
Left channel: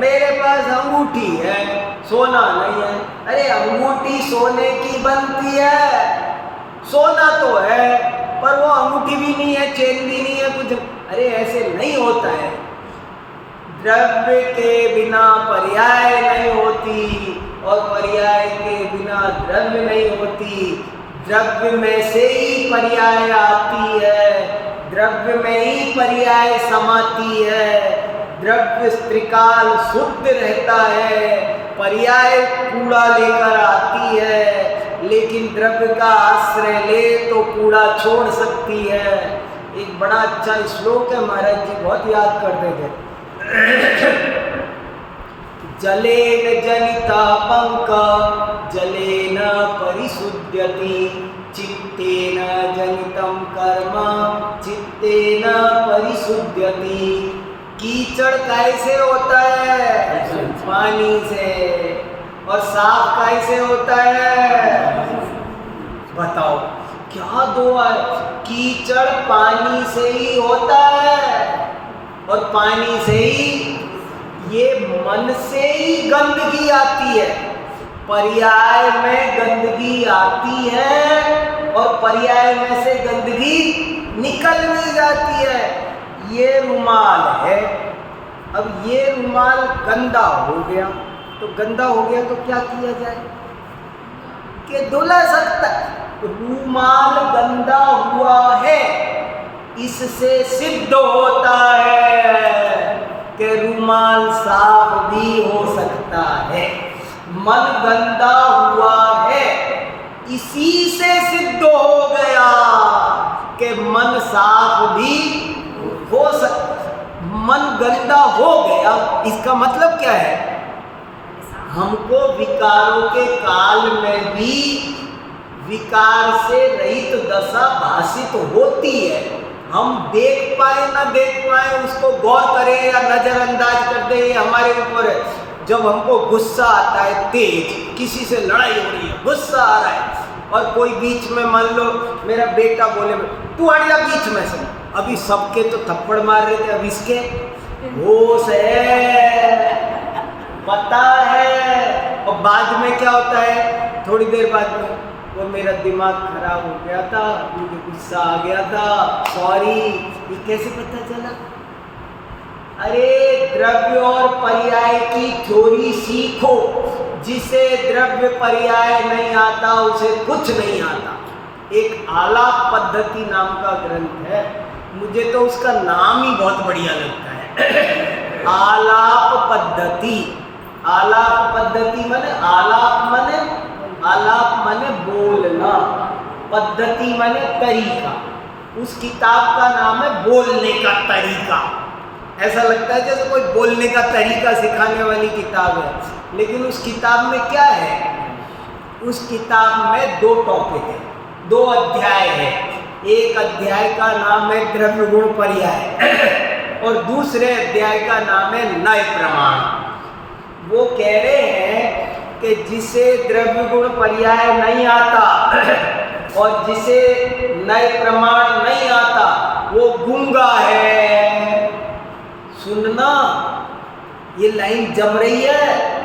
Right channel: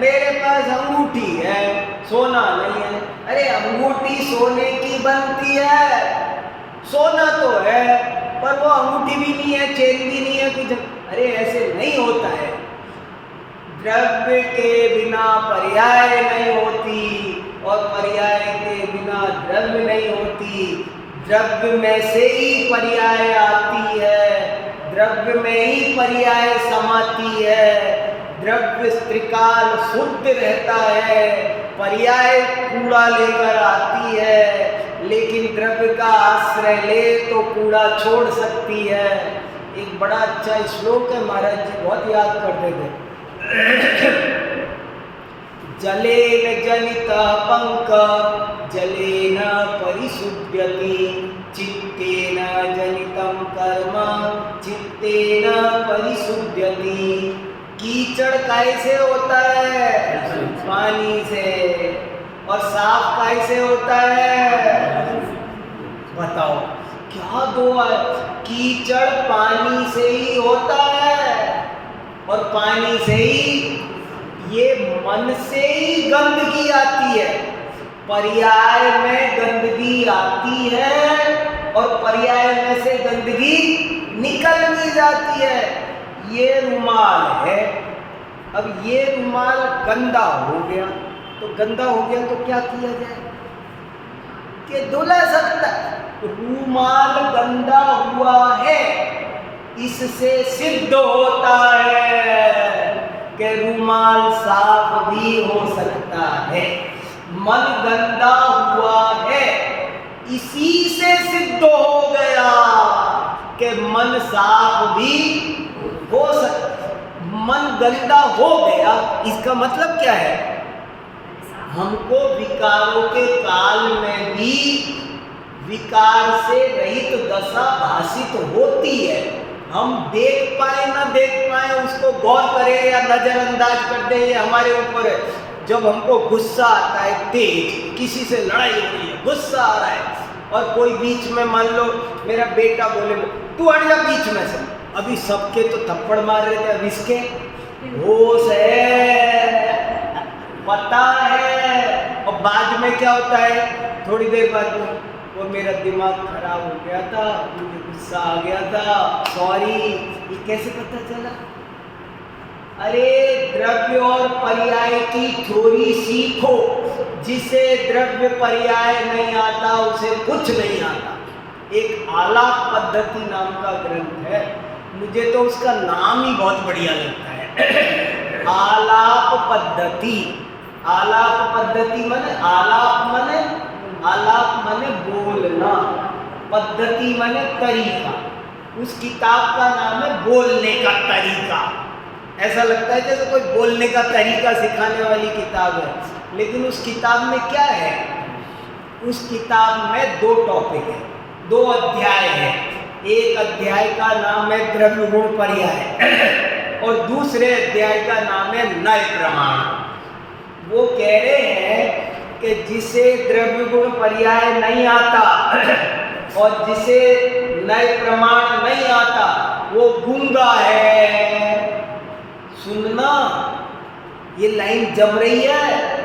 मेरे पास अंगूठी है, सोना नहीं है। अरे अंगूठी सोने की बनती है, सोना तो है पर वो अंगूठी भी नहीं है, चेन भी नहीं है, कुछ। अरे ऐसे नहीं होता है। द्रव्य के बिना पर्याय नहीं होती और पर्याय के बिना द्रव्य नहीं होती। द्रव्य में से ही पर्याय आती है, द्रव्य में ही पर्याय समाती है। द्रव्य त्रिकाल शुद्ध रहता है, पर्याय कूड़ा लेकर आती है, लेकिन द्रव्य का आश्रय ले तो कूड़ा छोड़ सकती है। एक बड़ा अच्छा श्लोक है, महाराज जी बहुत याद करते थे। जलेन जनिता पंक जलेन परिशुद्ध्यति, चित्तेन जनितं कर्म चित्तेन परिशुद्ध्यति। कीचड़ कैसे होता है? पानी से। और साफ कैसे होता है? बताओ क्या दो है? कीचड़ पानी से ही होता है और पानी से ही ये मन से ही गंदगी आती है। पर्याय में गंदगी आती है और पर्याय में से गंदगी निकल भी जाती है। ये रुमाल है, अब ये रुमाल गंदा हो गया, तो गंदा हो गया तो क्या किया जाए कि धुला सकता। रुमाल गंदा हुआ है, इससे सिद्ध होता है कि रुमाल साफ भी हो सकता है। मन गंदा हुआ है, इसी से सिद्ध हो गया कि मन साफ भी हो सकता। मन गंदा हो गया, इसका मतलब क्या है? हमको विकारों के काल में भी विकार से रहित दशा भाषित होती है। हम देख पाए ना देख पाए, उसको गौर करें या नजरअंदाज कर दें, ये हमारे ऊपर है। जब हमको गुस्सा आता है तेज, किसी से लड़ाई हो रही है, गुस्सा आ रहा है, और कोई बीच में, मान लो मेरा बेटा बोले तू हट जा बीच में से, अभी सबके तो थप्पड़ मार रहे थे, अब इसके होश है, पता है। और बाद में क्या होता है? थोड़ी देर बाद में वो मेरा दिमाग खराब हो गया था, मुझे गुस्सा आ गया था, सॉरी। ये कैसे पता चला? अरे द्रव्य और पर्याय की थ्योरी सीखो। जिसे द्रव्य पर्याय नहीं आता उसे कुछ नहीं आता। एक आलाप पद्धति नाम का ग्रंथ है, मुझे तो उसका नाम ही बहुत बढ़िया लगता है। आलाप पद्धति। आलाप पद्धति माने आलाप माने बोलना, पद्धति माने तरीका। उस किताब का नाम है बोलने का तरीका। ऐसा लगता है जैसे कोई बोलने का तरीका सिखाने वाली किताब है, लेकिन उस किताब में क्या है? उस किताब में 2 टॉपिक है, 2 अध्याय है। एक अध्याय का नाम है द्रव्य गुण पर्याय और दूसरे अध्याय का नाम है नए प्रमाण। वो कह रहे हैं कि जिसे द्रव्य गुण पर्याय नहीं आता और जिसे नए प्रमाण नहीं आता वो गूंगा है। सुनना, ये लाइन जम रही है।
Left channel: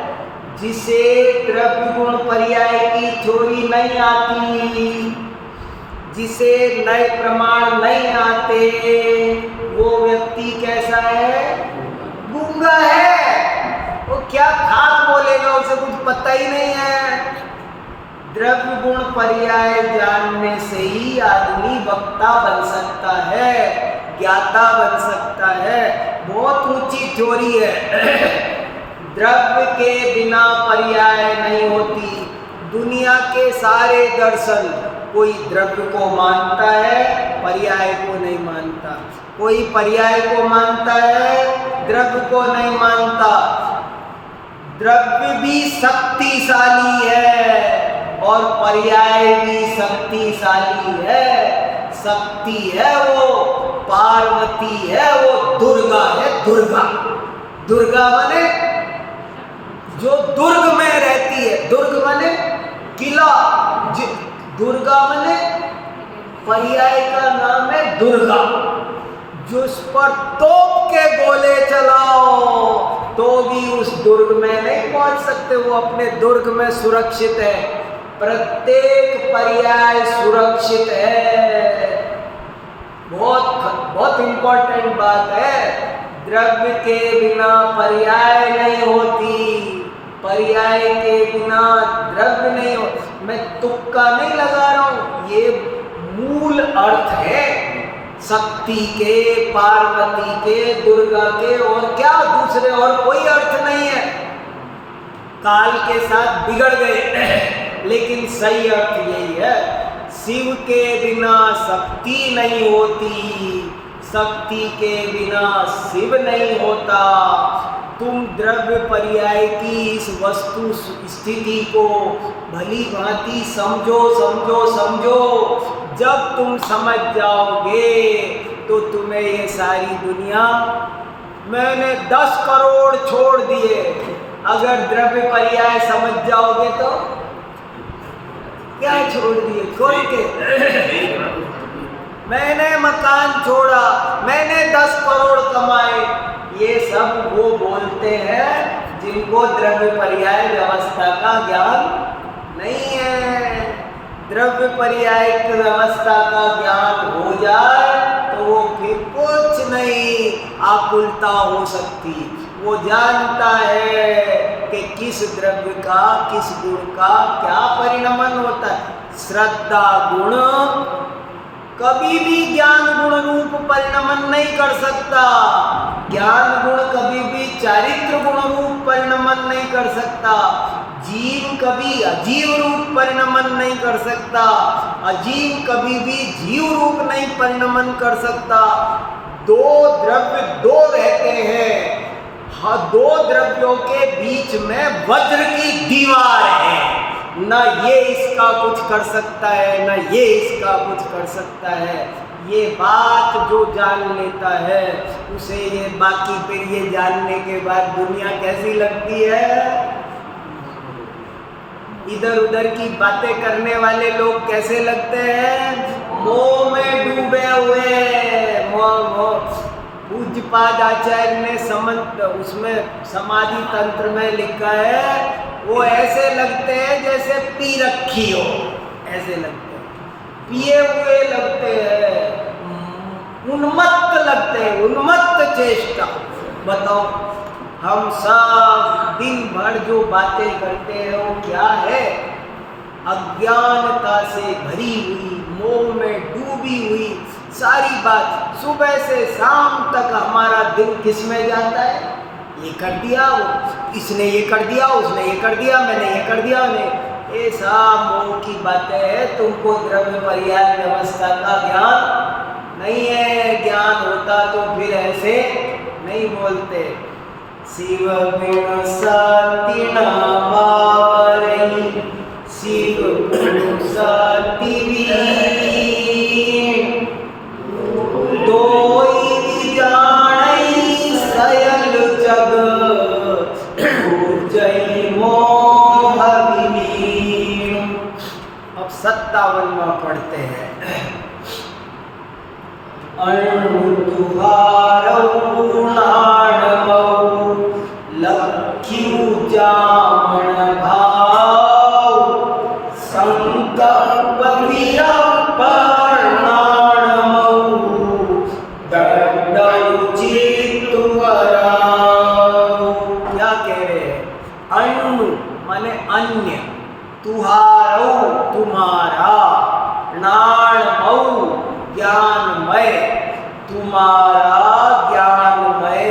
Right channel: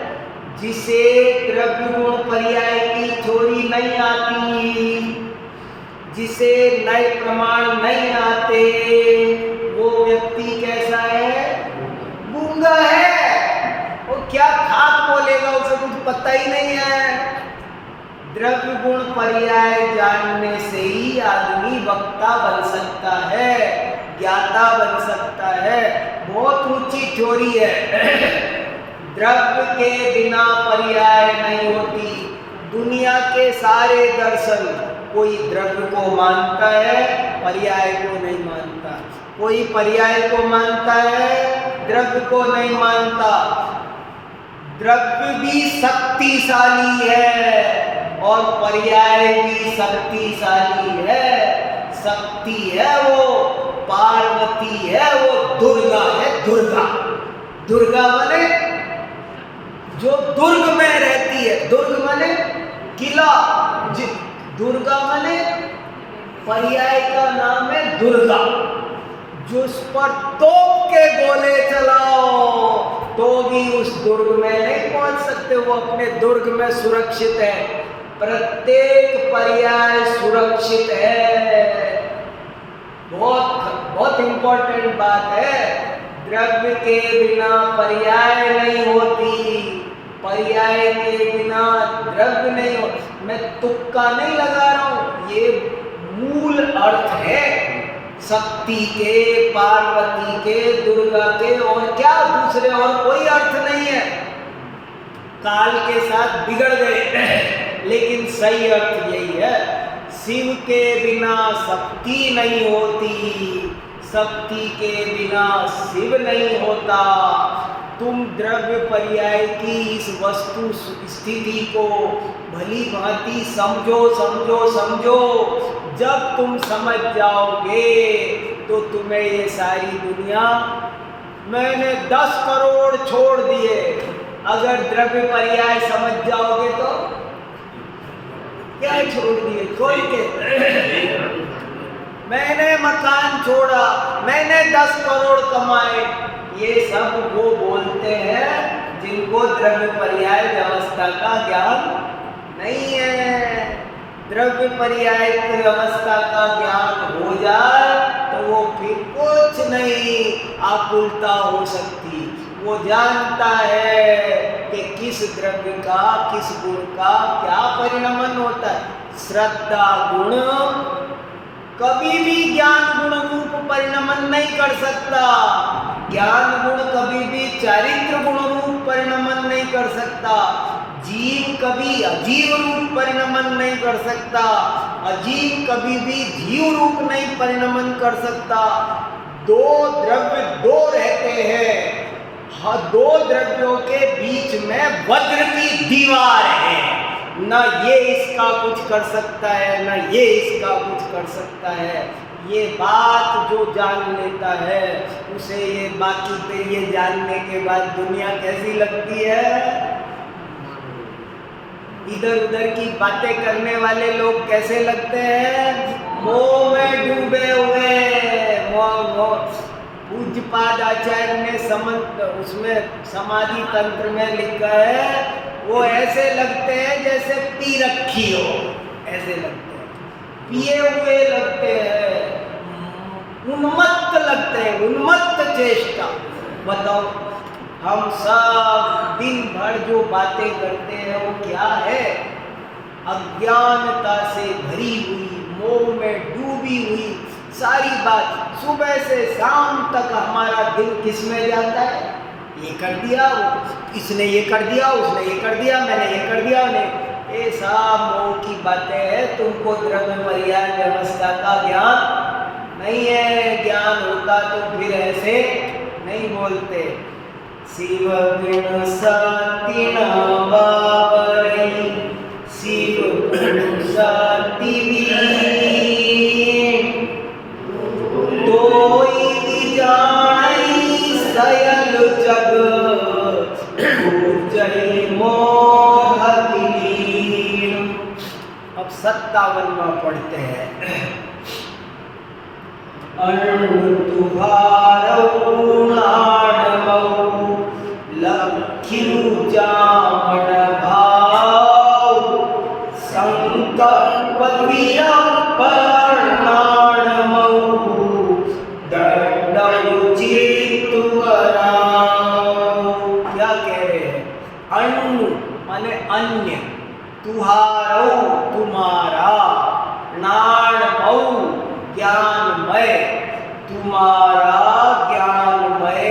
जिसे द्रव्य गुण पर्याय की थ्योरी नहीं आती, जिसे नए प्रमाण नहीं आते, वो व्यक्ति कैसा है? गूंगा है। वो क्या खाक बोलेगा, उसे कुछ पता ही नहीं है। द्रव्य गुण पर्याय जानने से ही आदमी वक्ता बन सकता है, ज्ञाता बन सकता है। बहुत ऊंची थ्योरी है। द्रव्य के बिना पर्याय नहीं होती। दुनिया के सारे दर्शन, कोई द्रव्य को मानता है, पर्याय को नहीं मानता। कोई पर्याय को मानता है, द्रव्य को नहीं मानता। द्रव्य भी शक्तिशाली है और पर्याय भी शक्तिशाली है। शक्ति है वो पार्वती है, वो दुर्गा है। दुर्गा, दुर्गा माने जो दुर्ग में रहती है। दुर्ग माने किला, दुर्गा माने पर्याय का नाम है दुर्गा। जिस पर तोप के गोले चलाओ तो भी उस दुर्ग में नहीं पहुंच सकते, वो अपने दुर्ग में सुरक्षित है। प्रत्येक पर्याय सुरक्षित है। बहुत इंपॉर्टेंट बात है। द्रव्य के बिना पर्याय नहीं होती, पर्याय के बिना द्रव्य नहीं हो। मैं तुक्का नहीं लगा रहा हूं, ये मूल अर्थ है शक्ति के, पार्वती के, दुर्गा के। और क्या दूसरे और कोई अर्थ नहीं है। काल के साथ बिगड़ गए, लेकिन सही अर्थ यही है। शिव के बिना शक्ति नहीं होती, शक्ति के बिना शिव नहीं होता। तुम द्रव्य पर्याय की इस वस्तु स्थिति को भली भांति समझो समझो समझो। जब तुम समझ जाओगे तो तुम्हें ये सारी दुनिया, मैंने 10 करोड़ छोड़ दिए, अगर द्रव्य पर्याय समझ जाओगे तो क्या छोड़ दिए? छोड़ के मैंने मकान छोड़ा, मैंने 10 करोड़ कमाए, ये सब वो बोलते हैं जिनको द्रव्य पर्याय व्यवस्था का ज्ञान नहीं है। द्रव्य पर्याय की व्यवस्था का ज्ञान हो जाए तो वो फिर कुछ नहीं आकुलता हो सकती। वो जानता है कि किस द्रव्य का, किस गुण का क्या परिणमन होता है। श्रद्धा गुण कभी भी ज्ञान गुण रूप परिणमन नहीं कर सकता। ज्ञान गुण कभी भी चारित्र गुण रूप परिणमन नहीं कर सकता। जीव कभी अजीव रूप परिणमन नहीं कर सकता। अजीव कभी भी जीव रूप नहीं परिणमन कर सकता। 2 द्रव्य 2 रहते हैं। हाँ, 2 द्रव्यों के बीच में वज्र की दीवार है। न ये इसका कुछ कर सकता है, न ये इसका कुछ कर सकता है। ये बात जो जान लेता है उसे ये बाकी फिर ये जानने के बाद दुनिया कैसी लगती है। इधर उधर की बातें करने वाले लोग कैसे लगते हैं? मोह में डूबे हुए। पूज्यपाद आचार्य ने उसमें समाधि तंत्र में लिखा है, वो ऐसे लगते हैं जैसे पी रखी हो, ऐसे लगते हैं, पिए हुए लगते हैं, उन्मत्त लगते हैं, उन्मत्त चेष्टा। बताओ, हम सब दिन भर जो बातें करते हैं वो क्या है? अज्ञानता से भरी हुई, मोह में डूबी हुई सारी बात। सुबह से शाम तक हमारा दिन किस में जाता है? ये कर दिया, इसने ये कर दिया, उसने ये कर दिया, मैंने ये कर दिया, उन्हें। ये सब मोह की बातें हैं। तुमको द्रव्य पर्याय व्यवस्था का ज्ञान नहीं है। ज्ञान होता तो फिर ऐसे नहीं बोलते। शिव बिन सती न बावरई, शिव गुरु सती वीण, तोई जानई सयल जग, जय मोह विलीन। अब 57वां पढ़ते हैं। अण्णु तुहारऊ लाडमऊ, लख्यू जामण भाव, संकल्प वियप्पणाणमऊ, दंडऊ चित्तवराव। क्या कह रहे हैं? अण्णु माने अन्य, तुहारऊ तुम्हारा, नाणमऊ ज्ञानमय, तुम्हारा ज्ञानमय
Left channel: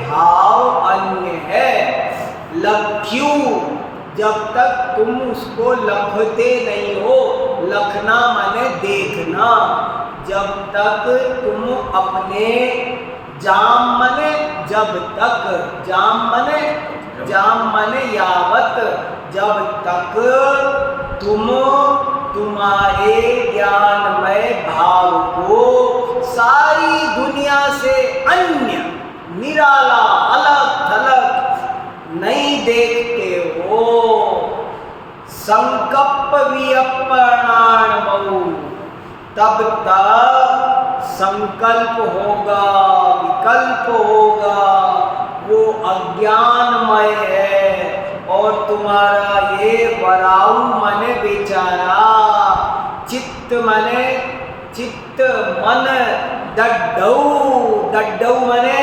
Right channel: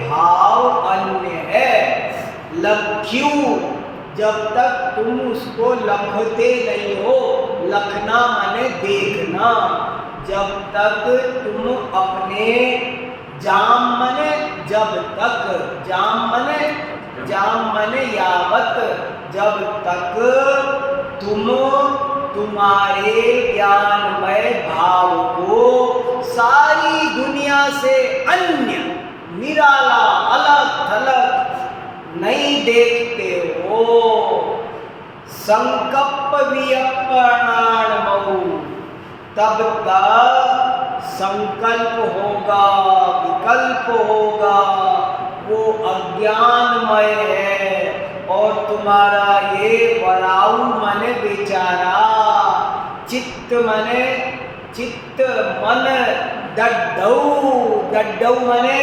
भाव अन्य है। लख्यू जब तक तुम उसको लखते नहीं हो, लखना माने देखना, जब तक तुम अपने जाम मने जब तक, जाम मने यावत, जब तक तुम तुम्हारे ज्ञानमय भाव को सारी दुनिया से अन्य, निराला, अलग थलग नहीं देखते हो। संकल्प वियप्पणाणमऊ, तब तक संकल्प होगा, विकल्प होगा, वो अज्ञानमय है। और तुम्हारा ये वराऊ मने बेचारा, चित्त मने चित्त, मन दड्डऊ मने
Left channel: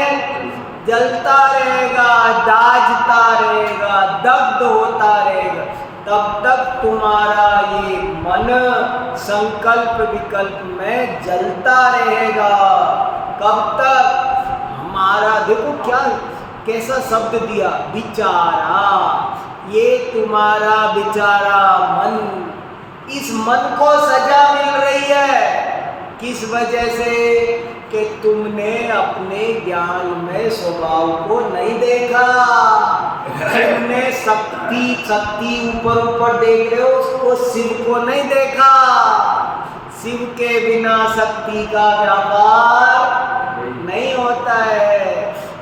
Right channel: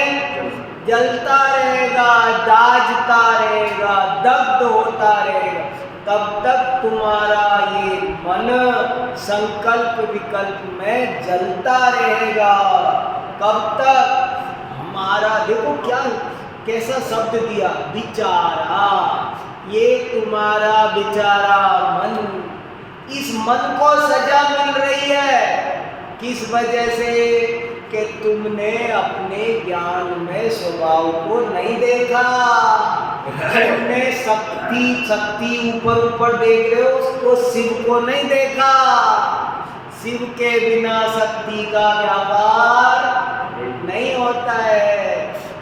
जलता रहेगा, दाजता रहेगा, दग्ध होता रहेगा। तब तक तुम्हारा ये मन संकल्प विकल्प में जलता रहेगा। कब तक? हमारा देखो क्या कैसा शब्द दिया, विचारा। ये तुम्हारा विचारा मन, इस मन को सजा मिल रही है किस वजह से? कि तुमने अपने ज्ञान में स्वभाव को नहीं देखा। तुमने शक्ति ऊपर देख रहे हो, उसको शिव को नहीं देखा। शिव के बिना शक्ति का व्यापार नहीं होता है।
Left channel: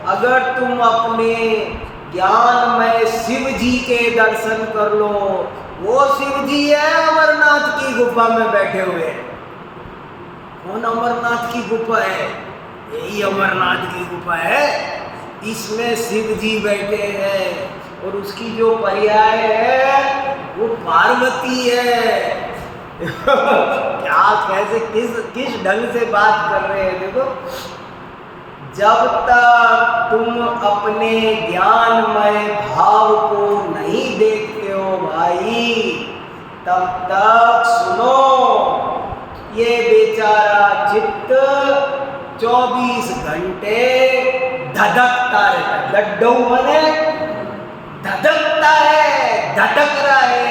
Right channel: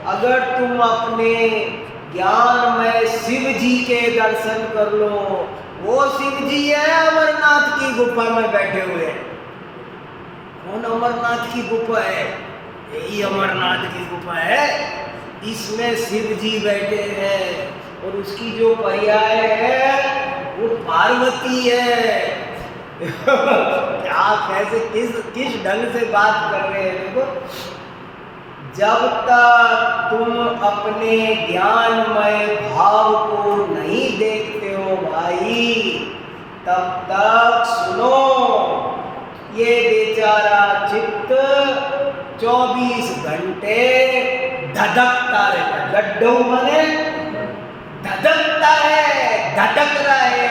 अगर तुम अपने ज्ञान में शिव जी के दर्शन कर लो, वो शिव जी है अमरनाथ की गुफा में बैठे हुए। कौन अमरनाथ की गुफा है? यही अमरनाथ की गुफा है। इसमें शिव जी बैठे हैं और उसकी जो पर्याय है वो पार्वती है। क्या कैसे किस ढंग से बात कर रहे हैं देखो। जब तक तुम अपने ज्ञानमय भाव को नहीं देखते हो भाई, तब तक सुनो, ये बेचारा चित्त 24 घंटे धधकता रहता है। लड्डू मने धधकता है, धधक रहा है,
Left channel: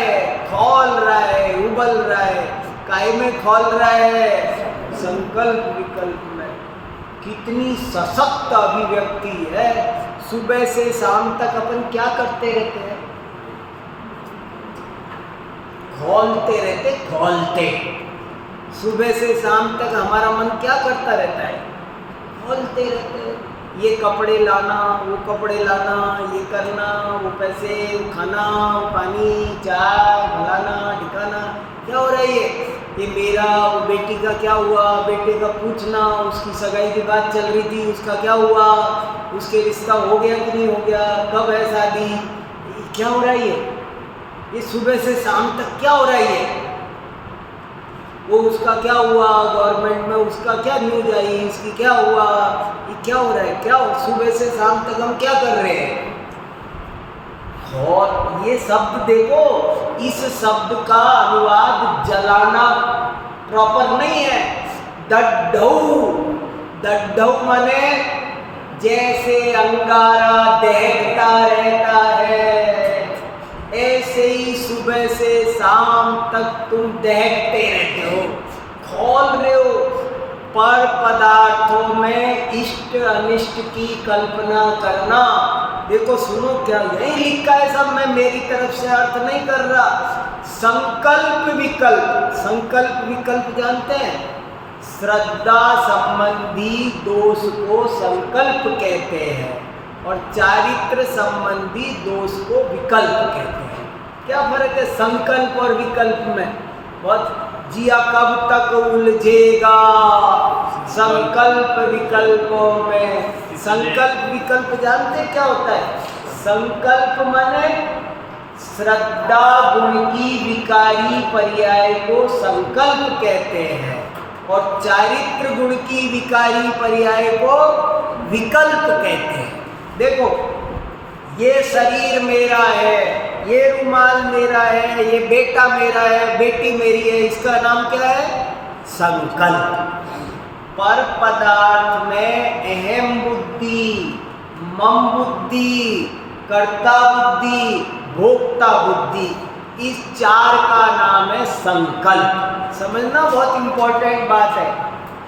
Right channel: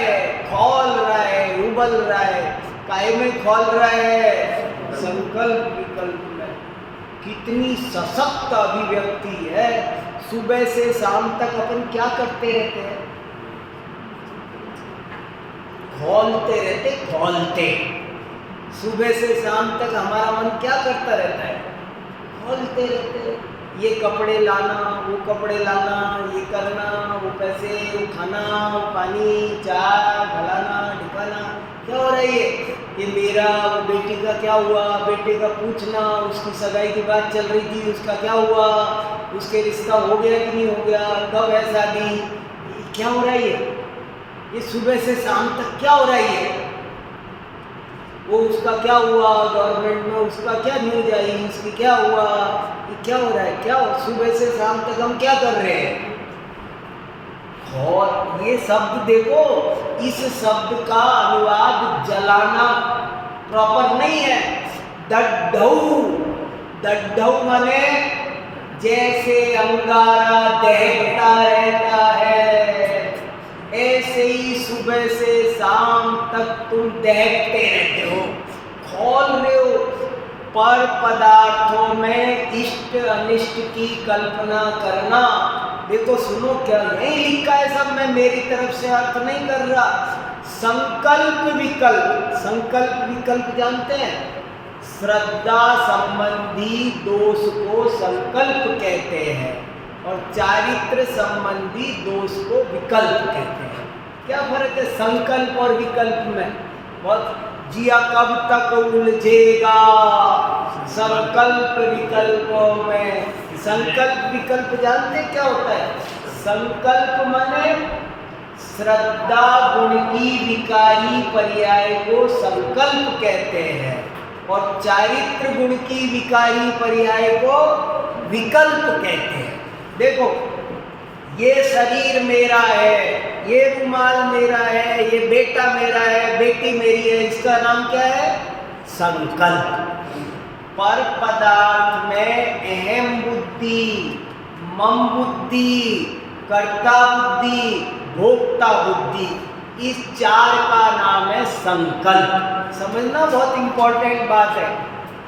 खोल रहा है, उबल रहा है। काहे में खोल रहा है? संकल्प विकल्प में। कितनी सशक्त अभिव्यक्ति है। सुबह से शाम तक अपन क्या करते रहते हैं? खोलते। सुबह से शाम तक हमारा मन क्या करता रहता है? खोलते रहते। ये कपड़े लाना, वो कपड़े लाना, ये करना, वो पैसे, वो खाना, वो पानी, चाय, फलाना ढिकाना। क्या हो रहा है ये मेरा, वो बेटी का क्या हुआ, बेटे का पूछना, उसकी सगाई की बात चल रही थी, उसका क्या हुआ, उसके रिश्ता हो गया कि नहीं हो गया, कब है शादी, क्या हो रहा है ये सुबह से शाम तक क्या हो रहा है ये? वो उसका क्या हुआ, गवर्नमेंट में उसका क्या न्यूज आई, इसकी क्या हुआ, ये क्या हो रहा है? क्या सुबह से शाम तक हम क्या कर रहे हैं? और ये शब्द देखो, इस शब्द का अनुवाद जलाना प्रॉपर नहीं है। दड्ढऊ माने जैसे अंगारा दहकता रहता है, ऐसे ही सुबह से शाम तक तुम दहकते रहते हो, खोल रहे हो। पर पदार्थों में इष्ट अनिष्ट की कल्पना करना। देखो सुनो, क्या यही लिखा है सब, मैं मेरी तरफ से अर्थ नहीं कर रहा। संकल्प विकल्प, संकल्प विकल्प जानते हैं? श्रद्धा संबंधी दोष को संकल्प कहते हैं और चारित्र संबंधी दोष को विकल्प कहते हैं। क्या फर्क है संकल्प और विकल्प में? बहुत जिया कब तक उलझेगा संकल्प विकल्पों में। संकल्प विकल्प जानते क्या होता है? संकल्प माने श्रद्धा गुण की विकारी पर्याय को संकल्प कहते हैं और चारित्र गुण की विकारी पर्याय को विकल्प कहते हैं। देखो, ये शरीर मेरा है, ये रुमाल मेरा है, ये बेटा मेरा है, बेटी मेरी है, इसका नाम क्या है? संकल्प। पर पदार्थ में अहम बुद्धि, मम बुद्धि, कर्ता बुद्धि, भोक्ता बुद्धि, इस चार का नाम है संकल्प। समझना बहुत इंपॉर्टेंट बात है,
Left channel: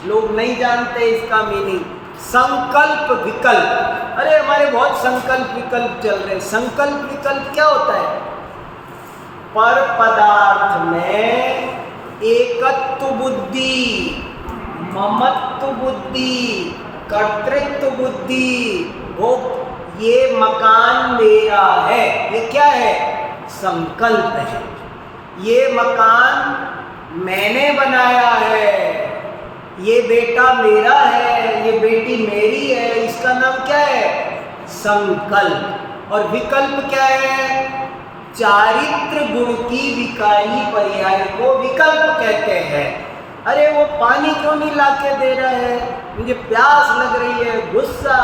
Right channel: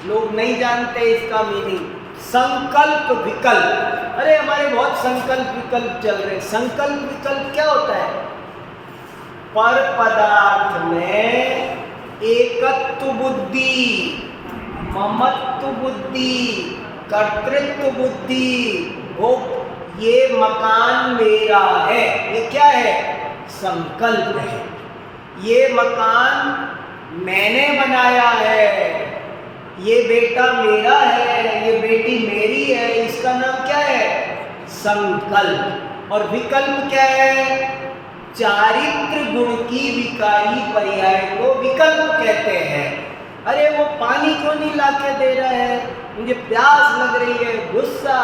लोग नहीं जानते इसका मीनिंग। संकल्प विकल्प, अरे हमारे बहुत संकल्प विकल्प चल रहे हैं। संकल्प विकल्प क्या होता है? पर पदार्थ में एकत्व बुद्धि, ममत्व बुद्धि, कर्तृत्व बुद्धि, ये मकान मेरा है, ये क्या है? संकल्प है। ये मकान मैंने बनाया है, ये बेटा मेरा है, ये बेटी मेरी है, इसका नाम क्या है? संकल्प। और विकल्प क्या है? चारित्र गुण की विकारी पर्याय को विकल्प कहते हैं। अरे वो पानी क्यों नहीं लाके दे रहा है? मुझे प्यास लग रही है, गुस्सा,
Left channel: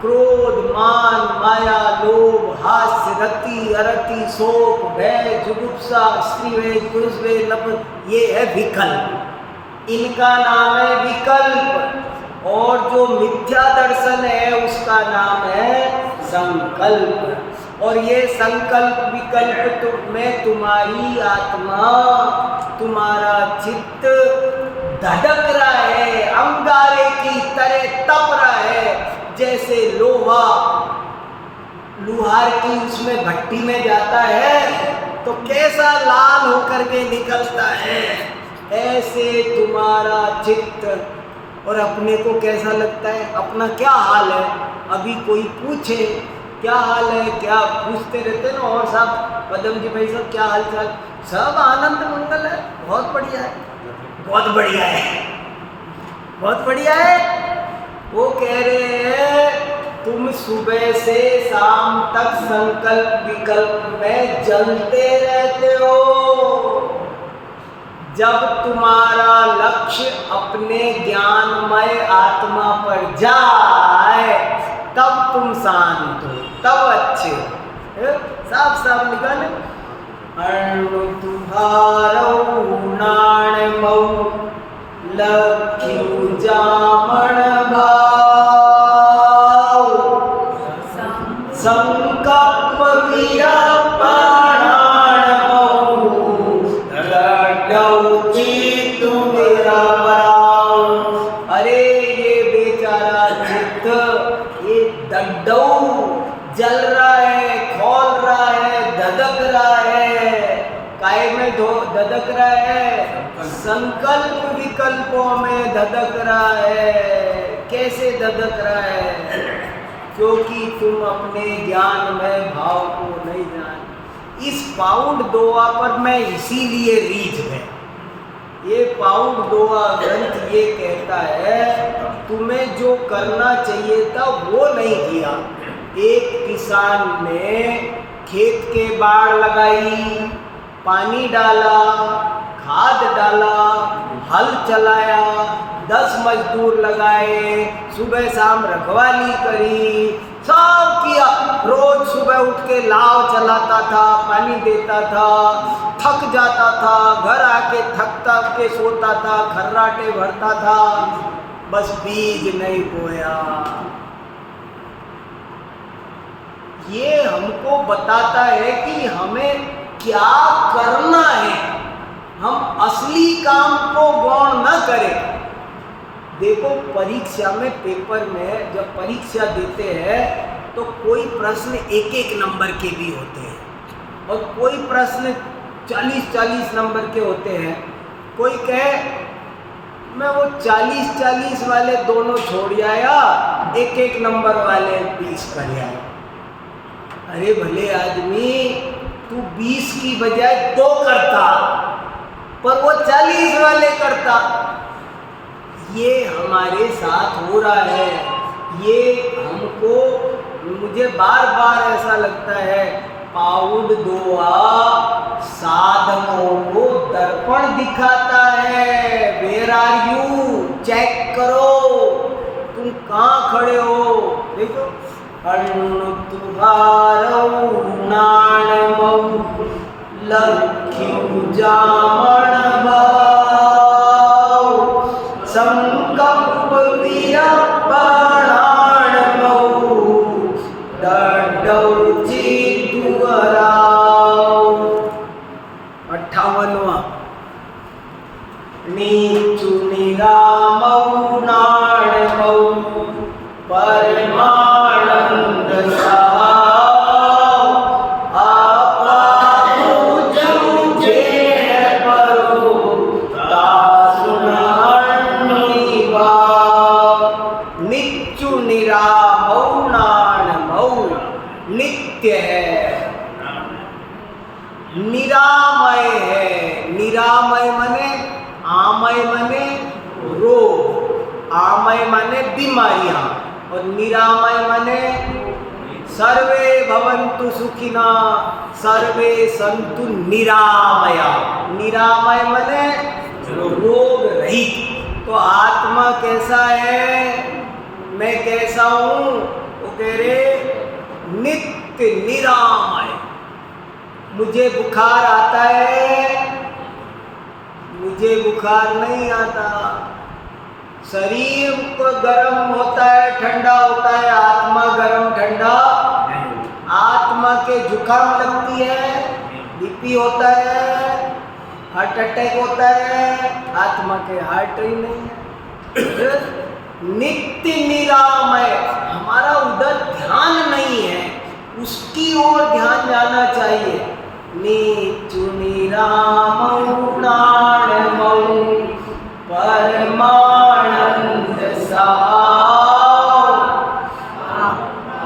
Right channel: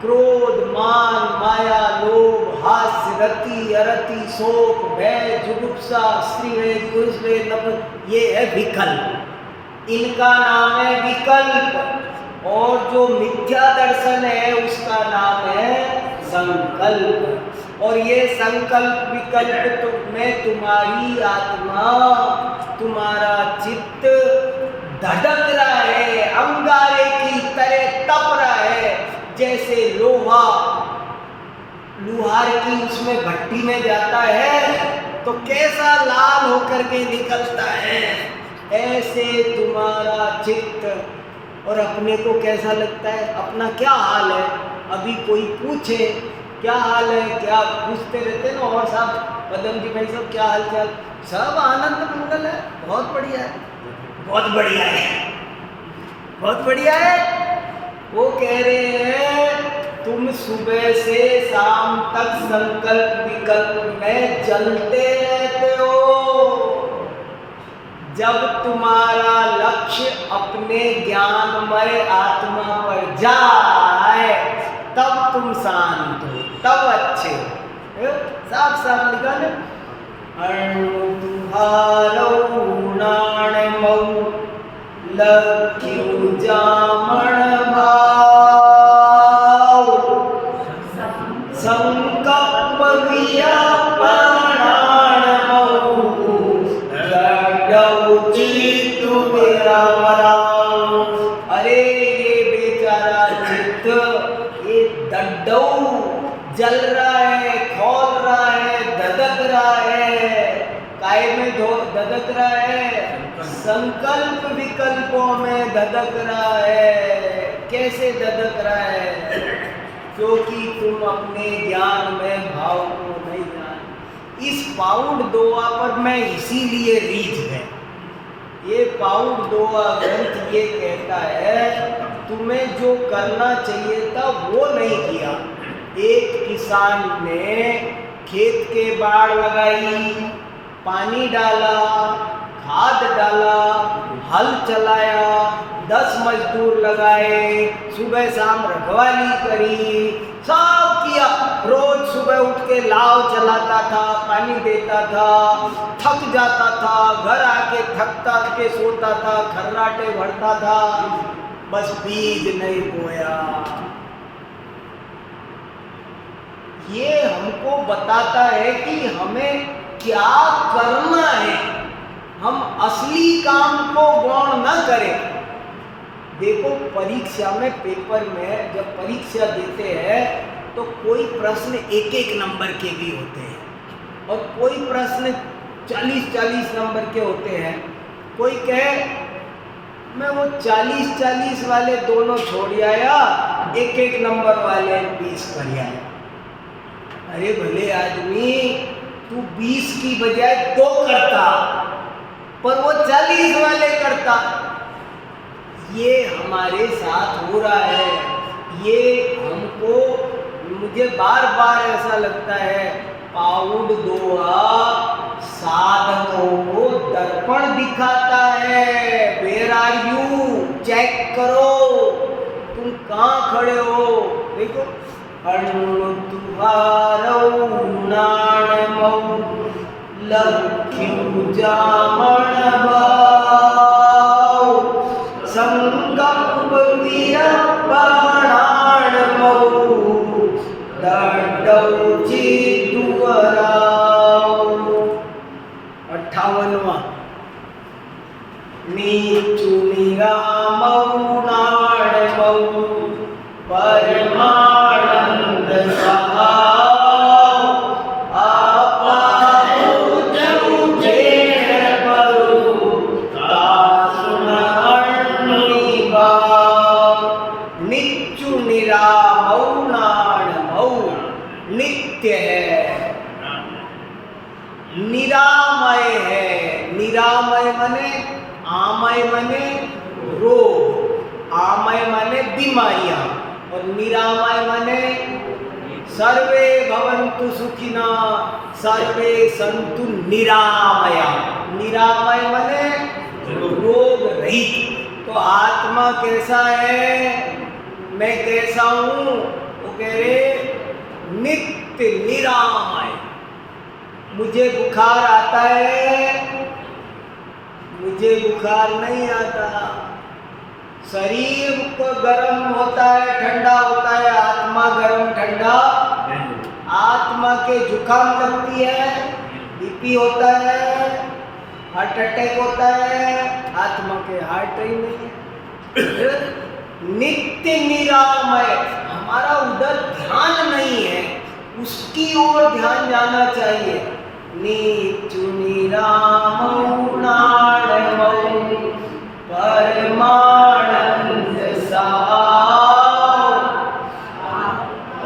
क्रोध, मान, माया, लोभ, हास्य, रति, अरति, शोक, भय, जुगुप्सा, स्त्रीवेद, पुरुषवेद, नफरत, ये है विकल्प। इनका नाम है विकल्प। और जो मिथ्या दर्शन है उसका नाम है संकल्प। और ये संकल्प विकल्प में तुम्हारी आत्मा, तुम्हारा चित्त धड़क रहा है, अंगारे की तरह तप रहा है। जैसे लोहा लुहार की उसमें भट्टी में जाता है तो कैसा लाल होकर के निकलता है, ऐसे तुम्हारा चित्त। और अपने को कैसा लगता है? अपना क्या हाल है? अभी कोई पूछे क्या हाल है, क्या पूछते रहते ना, और सब पदम जी भाई सब क्या हाल चाल? सब आनंद मंगल है, बहुत बढ़िया है, बहुत बढ़िया है, बहुत बढ़िया है। वो कह रहे हैं तुम सुबह से शाम तक संकल्प विकल्प में जलते रहते हो। जब तुम्हारा लक्ष्य अपने ज्ञानमय आत्मा पर जाए तब तुम शांत हो, तब अच्छे हो। साफ साफ लिखा ना, अणु तुम्हारो नाणमऊ लख्यु जामण भाव संकल्प विया मेरा बराव। अरे ये बेचारा चित्त, ये दड्डौ जल रहा है, खोल रहा है, धधक रहा है। काय में धधक रहा है? संकल्प विकल्पों में धधक रहा है। कैसे धधक रहा है? क्योंकि तुम अपने ज्ञान में भाव को नहीं जान। इस पाउंड दोआ पर मैं इसीलिए रीझ गए। ये पाउंड दोआ ग्रंथ ये कहता है तुम्हें जो करना चाहिए था वो नहीं किया। एक किसान ने खेत के बाड़ लगाई, पानी डाला, खाद डाला, हल चलाया, 10 मजदूर लगाए, सुबह शाम रखवाली करी, सब किया। रोज सुबह उठ के लाव चलाता था, पानी देता था, थक जाता था, घर आके थकता के सोता था, खर्राटे भरता था, बस बीज नहीं बोया। ये हमको बताता है कि हमें क्या करना है। हम असली काम को गौण न करें, देखो परीक्षा में, पेपर में जब परीक्षा देते हैं तो कोई प्रश्न एक एक नंबर के भी होते हैं और कोई प्रश्न 40-40 नंबर के होते हैं। कोई कहे मैं वो 40-40 वाले दोनों छोड़ आया, एक एक नंबर वाले 20 कर आया। अरे भले आदमी, तू 20 की बजाय 2 करता, पर वो 40 वाले करता। ये हमारे साथ हो रहा है। ये हमको, मुझे बार बार ऐसा लगता है, पाउड दोआ साधकों को दर्पण दिखाता है। वेयर आर यू, चेक करो तुम कहाँ खड़े हो। देखो, अण्णु तुम्हारो नाणमौ लख्यु जामण भाव संकल्प वीरबाणाणमौ दड्डौ चिदुवराव। 58वां, नीचु निरामौ नाणमौ परमानंद सहाव आपा पूजे परो दासुन अण्णिभाव। निच्चु निरामौ नाणमौ, नित्य है, निरामय है। निरामय मने, आमय मने रोग, आमय मने बीमारियां, और निरामय मने सर्वे भवन्तु सुखिना सर्वे सन्तु निरामया। निरामय मने रोग रहित। तो आत्मा कैसा है, मैं कैसा हूँ? वो कह रहे नित्य निरामय। मुझे बुखार आता है, मुझे बुखार नहीं आता। शरीर को गर्म होता है, ठंडा होता है, आत्मा गर्म ठंडा। आत्मा के जुकाम लगती है, बीपी होता है, हार्ट अटैक होता है, आत्मा के हार्ट ही नहीं है। नित्य निरामय, हमारा उधर ध्यान नहीं है, उसकी ओर ध्यान जाना चाहिए। नीचु निरामौ नाणमौ परमानंद सहाव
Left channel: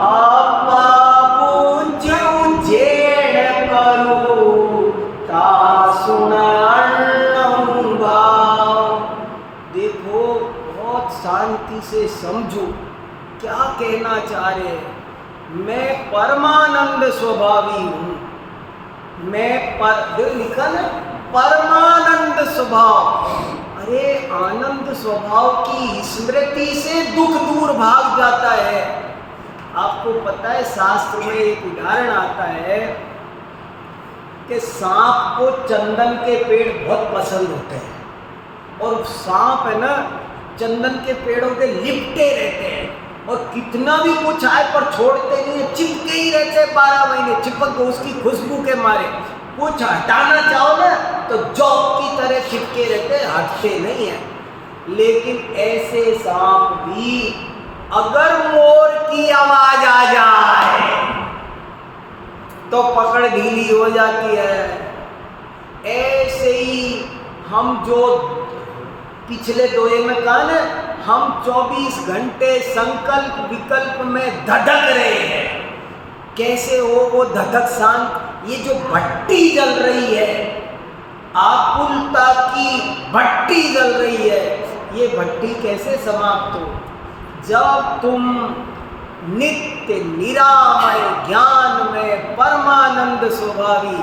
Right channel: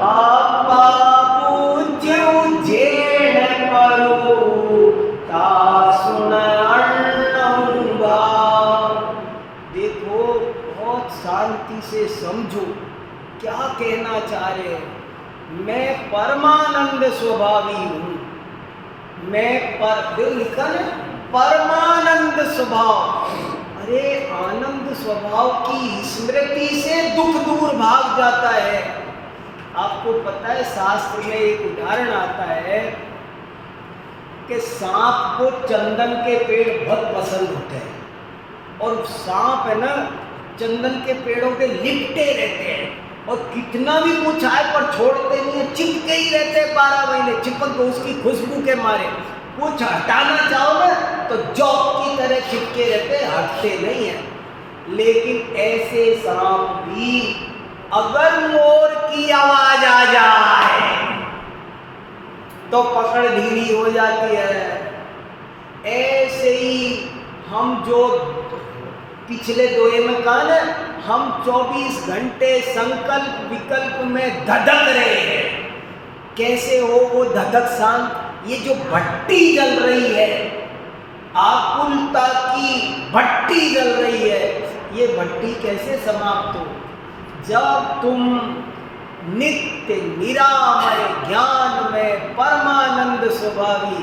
आपा पूज्यु जेण परो तासुन अण्णं भाव। देखो, बहुत शांति से समझो क्या कहना चाह रहे हैं। मैं परमानंद स्वभावी हूँ। मैं लिखा ना, परमानंद स्वभाव। अरे आनंद स्वभाव की स्मृति से दुख दूर भाग जाता है। आपको पता है, शास्त्र में एक उदाहरण आता है कि सांप को चंदन के पेड़ बहुत पसंद होते हैं, और सांप है ना, चंदन के पेड़ों के लिपटे रहते हैं, और कितना भी कुछ आए पर छोड़ते नहीं है, चिपके ही रहते हैं 12 महीने, चिपक को उसकी खुशबू के मारे। कुछ हटाना चाहो ना तो जौक की तरह चिपके रहते, हटते नहीं है। लेकिन ऐसे सांप भी, अगर मोर की आवाज आ जाए तो पकड़ ढीली हो जाती है। ऐसे ही हम जो पिछले दोहे में कहा ना, हम 24 घंटे संकल्प विकल्प में धधक रहे हैं। कैसे हो वो धधक शांत? ये जो भट्टी जल रही है, आकुलता की भट्टी जल रही है, ये भट्टी कैसे समाप्त हो? जब तुम नित्य निरामय ज्ञान में परमानंद स्वभावी,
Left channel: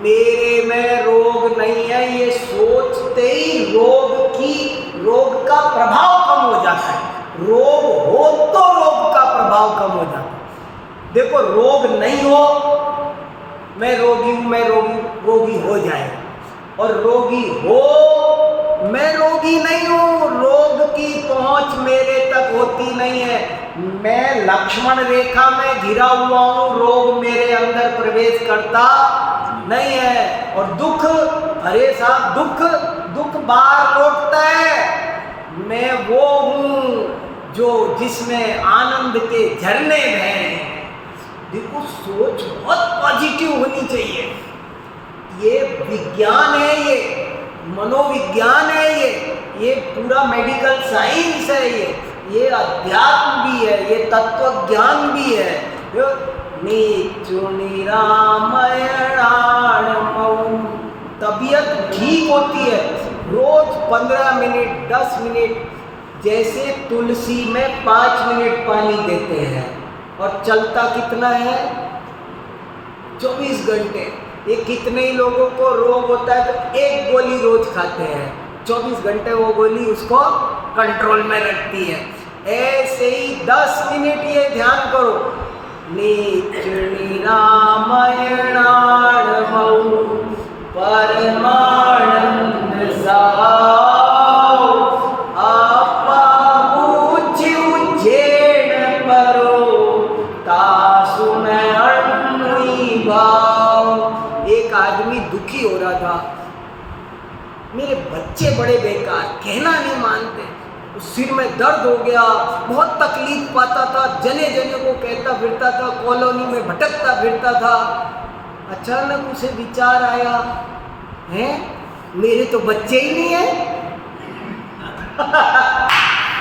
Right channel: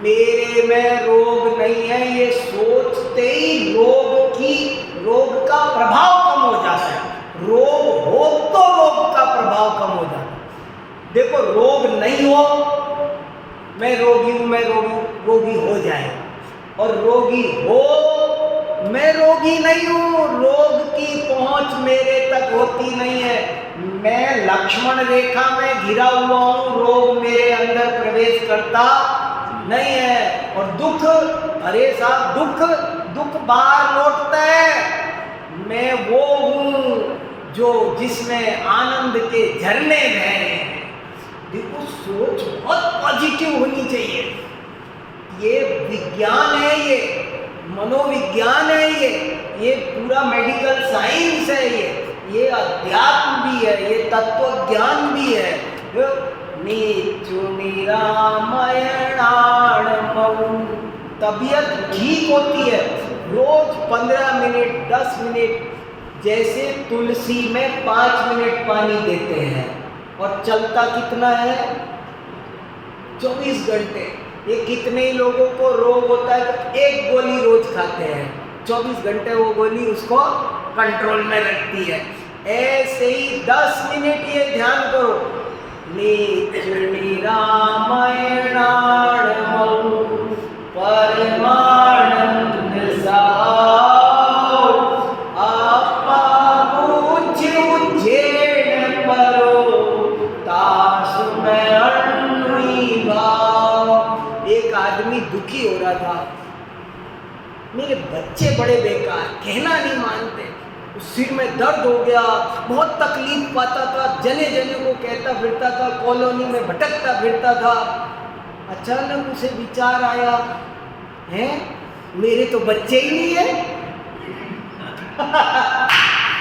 मेरे में रोग नहीं है, ये सोचते ही रोग का प्रभाव कम हो जाता है। रोग हो तो रोग का प्रभाव कम हो जाता है। देखो, रोग नहीं हो, मैं रोगी हूं, मैं रोगी हो जाएगा, और रोगी हो, मैं रोगी नहीं हूं, रोग की पहुंच मेरे तक होती नहीं है। मैं लक्ष्मण रेखा में घिरा हुआ हूं, रोग मेरे अंदर प्रवेश करता नहीं है। और दुख, अरे साहब, दुख बाहर लौटता है। मैं वो जो जिसमें आनंद के झरने बह रहे हैं। देखो सोच बहुत पॉजिटिव होनी चाहिए। ये विज्ञान है, ये मनोविज्ञान है, ये पूरा मेडिकल साइंस है, ये अध्यात्म भी है, ये तत्व ज्ञान भी है। नीचुनी रामायणाणमऊ, तबीयत ठीक होती है। रोज 15 मिनट 10 मिनट, जैसे तुलसी में 5 मिनट पानी देते हैं, और चलता कितना है 24 घंटे। ये कितने ही लोगों को रोग होता है तो एक गोली रोज खाते हैं, 24 घंटे वो गोली उसको कंट्रोल में रखती है। ऐसे ही 10 मिनट ये ध्यान करो। नीचुनी रामायणाणमऊ परमानंद साओ, आपा ऊंची उज्जैन परो, तासु में अण्णुई भाव। एक आदमी दुखी हो रहा था, मेरे बच्चे बड़े बेकार, कहना नहीं मानते, सिर में दर्द हो गया, बहुत तकलीफ पाता था, जने जने को कहता फिरता था, कॉलोनी में भटकता फिरता था। अचानक उसे विचार आया, हैं मेरे तो बच्चे ही नहीं है।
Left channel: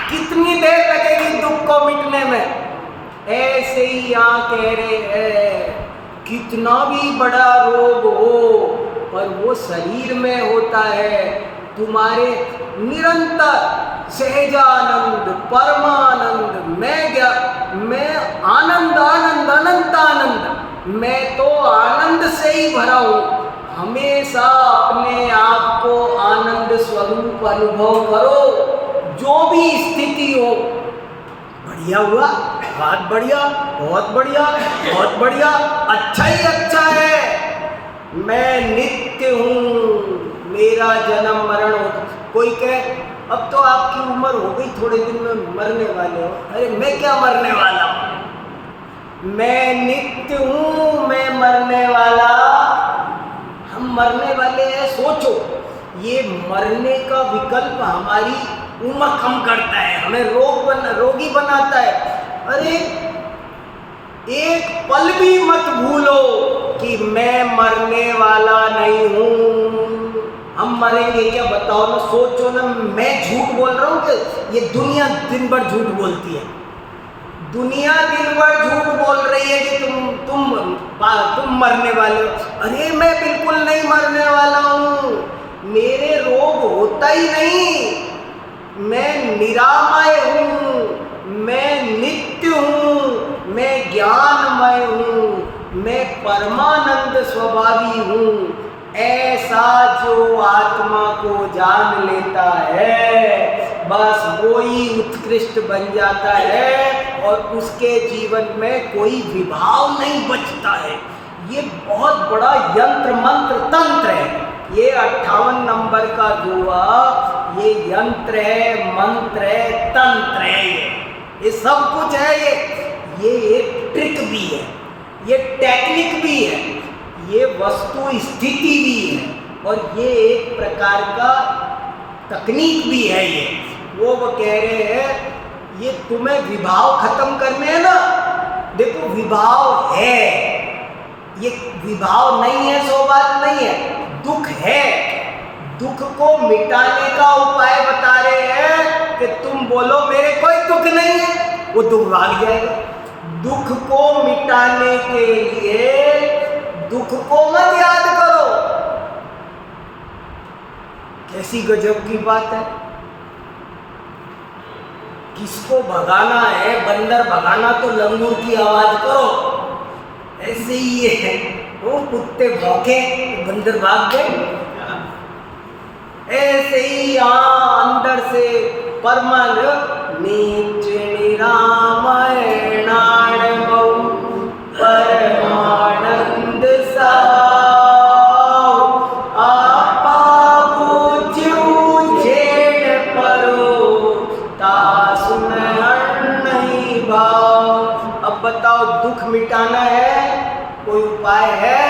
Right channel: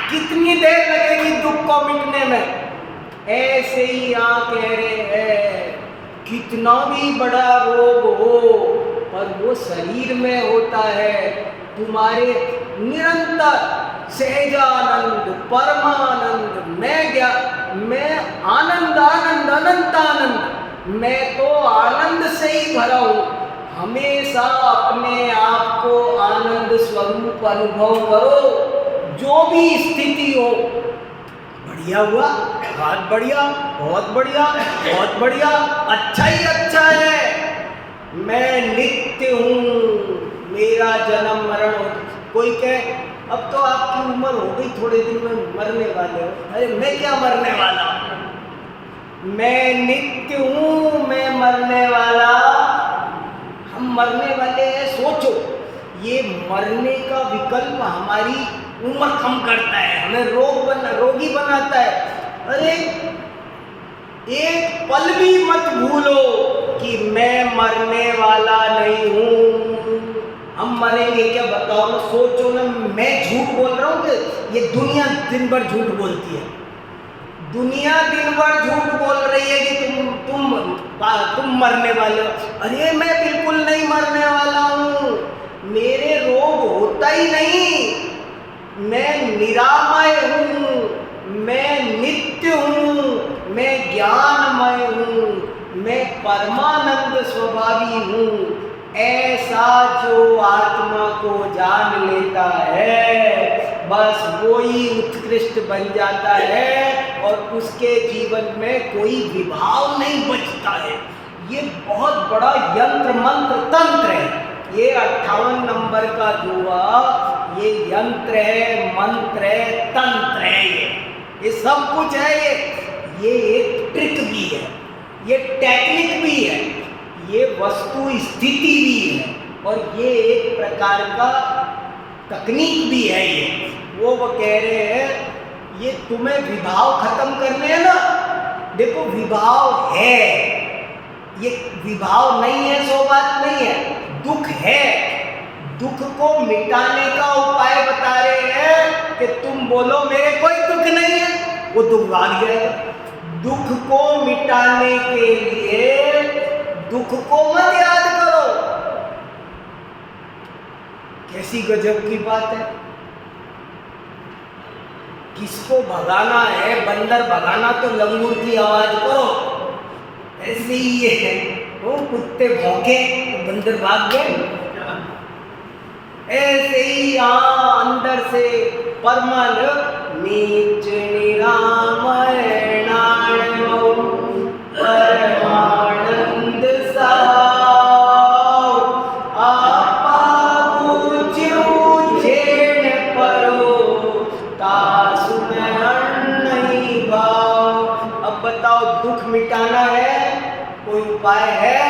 कितनी देर लगेगी दुख को मिटने में। ऐसे ही यहाँ कह रहे हैं, कितना भी बड़ा रोग हो और वो शरीर में होता है, तुम्हारे निरंतर सहजानंद परमानंद, मैं आनंद आनंद अनंत आनंद, मैं तो आनंद से ही भरा हूँ। हमेशा अपने आप को आनंद स्वरूप अनुभव करो, जो भी स्थिति हो। बढ़िया हुआ, बहुत बढ़िया, बहुत बढ़िया, बहुत बढ़िया, अच्छा ही अच्छा है। मैं नित्य हूँ, मेरा जन्म मरण हो। कोई कहे अब तो आपकी उम्र हो गई, थोड़े दिन में मरने वाले हो। अरे मैं क्या मरने वाला हूँ, मैं नित्य हूँ, मैं मरने वाला। हम मरने वाले हैं। सोचो, ये मरने का विकल्प हमारी उम्र कम करता है, हमें रोगी बनाता है। अरे एक पल भी मत भूलो कि मैं मरने वाला नहीं हूँ। हम मरेंगे क्या, बताओ ना, सोचो ना। मैं झूठ बोल रहा हूँ कि ये दुनिया दिन भर झूठ बोलती है। दुनिया दिन भर झूठ बोल रही है कि तुम मरने वाले हो। अरे मैं बिल्कुल नहीं मरने वाला हूँ, मेरे रोग होता ही नहीं, मैं निरामय हूँ, मैं नित्य हूँ, मैं ज्ञानमय हूँ, मैं परमानंद स्वभावी हूँ। ऐसा जो आत्मा को जान लेता है, बस वो ही उत्कृष्ट बन जाता है और उसके जीवन में कोई विभाव नहीं बचता है। ये बहुत बड़ा यंत्र मंत्र तंत्र है। ये 58 नंबर का दुआ, ये यंत्र है, मंत्र है, तंत्र है, ये सब कुछ है। ये एक ट्रिक भी है, ये टेक्निक भी है, ये वस्तु स्थिति भी है, और ये एक प्रकार का तकनीक भी है। वो कह रहे हैं, ये तुम्हें विभाव खत्म करने हैं ना। देखो विभाव है, ये विभाव नहीं है सो बात नहीं है, दुख है। दुख को मिटाने का उपाय बता रहे हैं कि तुम बोलो मेरे कोई दुख नहीं है, वो दुख भाग जाएगा। दुख को मिटाने के लिए दुख को मत याद करो। कैसी गजब की बात है। किसको भगाना है, बंदर भगाना तो लंगूर की आवाज करो। ऐसे ही ये है, वो कुत्ते भौंके बंदर भाग गए। ऐसे ही यहाँ अंदर से परमानंद नीच निरामयणाणमऊ परमानंद साओ, आपा ऊंची झेड़ परो, तासु में अण्णई भाव। अब बताओ, दुख मिटाना है, कोई उपाय है?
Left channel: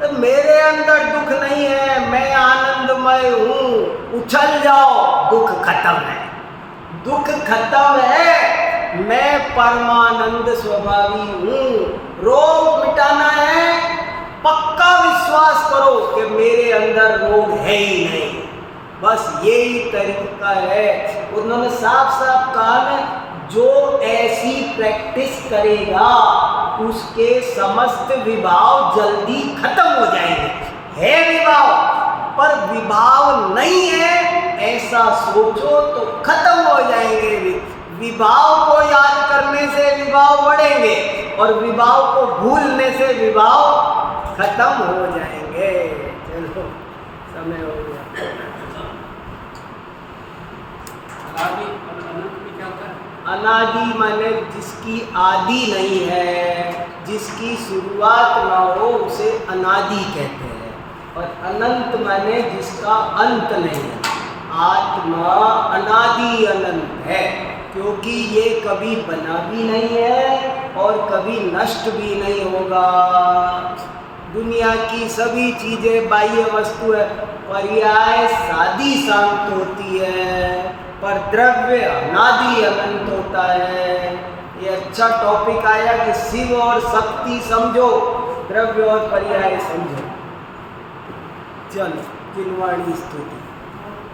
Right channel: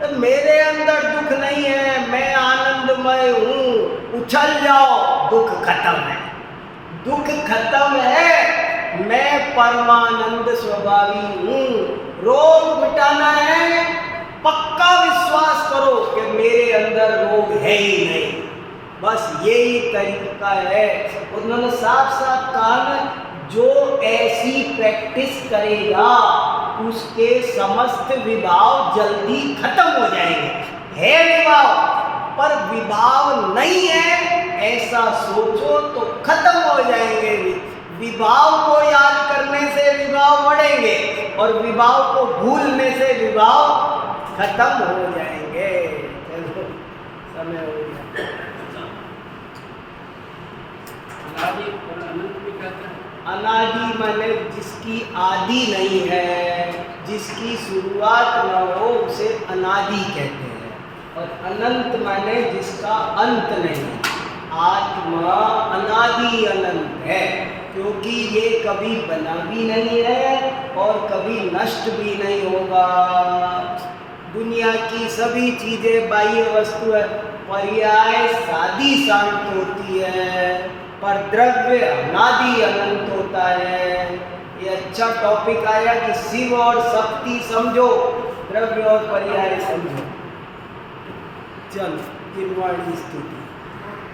तो मेरे अंदर दुख नहीं है, मैं आनंदमय हूँ। उछल जाओ, दुख खत्म है। दुख खत्म है, मैं परमानंद स्वभावी हूँ। रोग मिटाना है, पक्का विश्वास करो कि मेरे अंदर रोग है ही नहीं। बस यही तरीका है। उन्होंने साफ साफ कहा ना, जो ऐसी प्रैक्टिस करेगा उसके समस्त विभाव जल्दी खत्म हो जाएंगे। है विभाव, पर विभाव नहीं है ऐसा सोचो तो खत्म हो जाएंगे। विभाव को याद करने से विभाव बढ़ेंगे और विभाव को भूलने से विभाव खत्म हो जाएंगे। चलो, समय हो गया। अनादि और अनंत में क्या होता है? अनादि माने जिसकी आदि नहीं है, जिसकी शुरुआत ना हो उसे अनादि कहते हैं। और अनंत माने जिसका अंत नहीं है। आत्मा अनादि अनंत है, क्योंकि ये कभी बना भी नहीं है और कभी नष्ट भी नहीं होगा। दुनिया की सभी चीजें बाह्य वस्तु है, पर्याय सादी शांत होती है, पर द्रव्य अनादि अनंत होता है। ये अच्छा टॉपिक आया कि शिव और शक्ति समझो, द्रव्य और पर्याय समझो। चलो, किनवाणी स्तुति।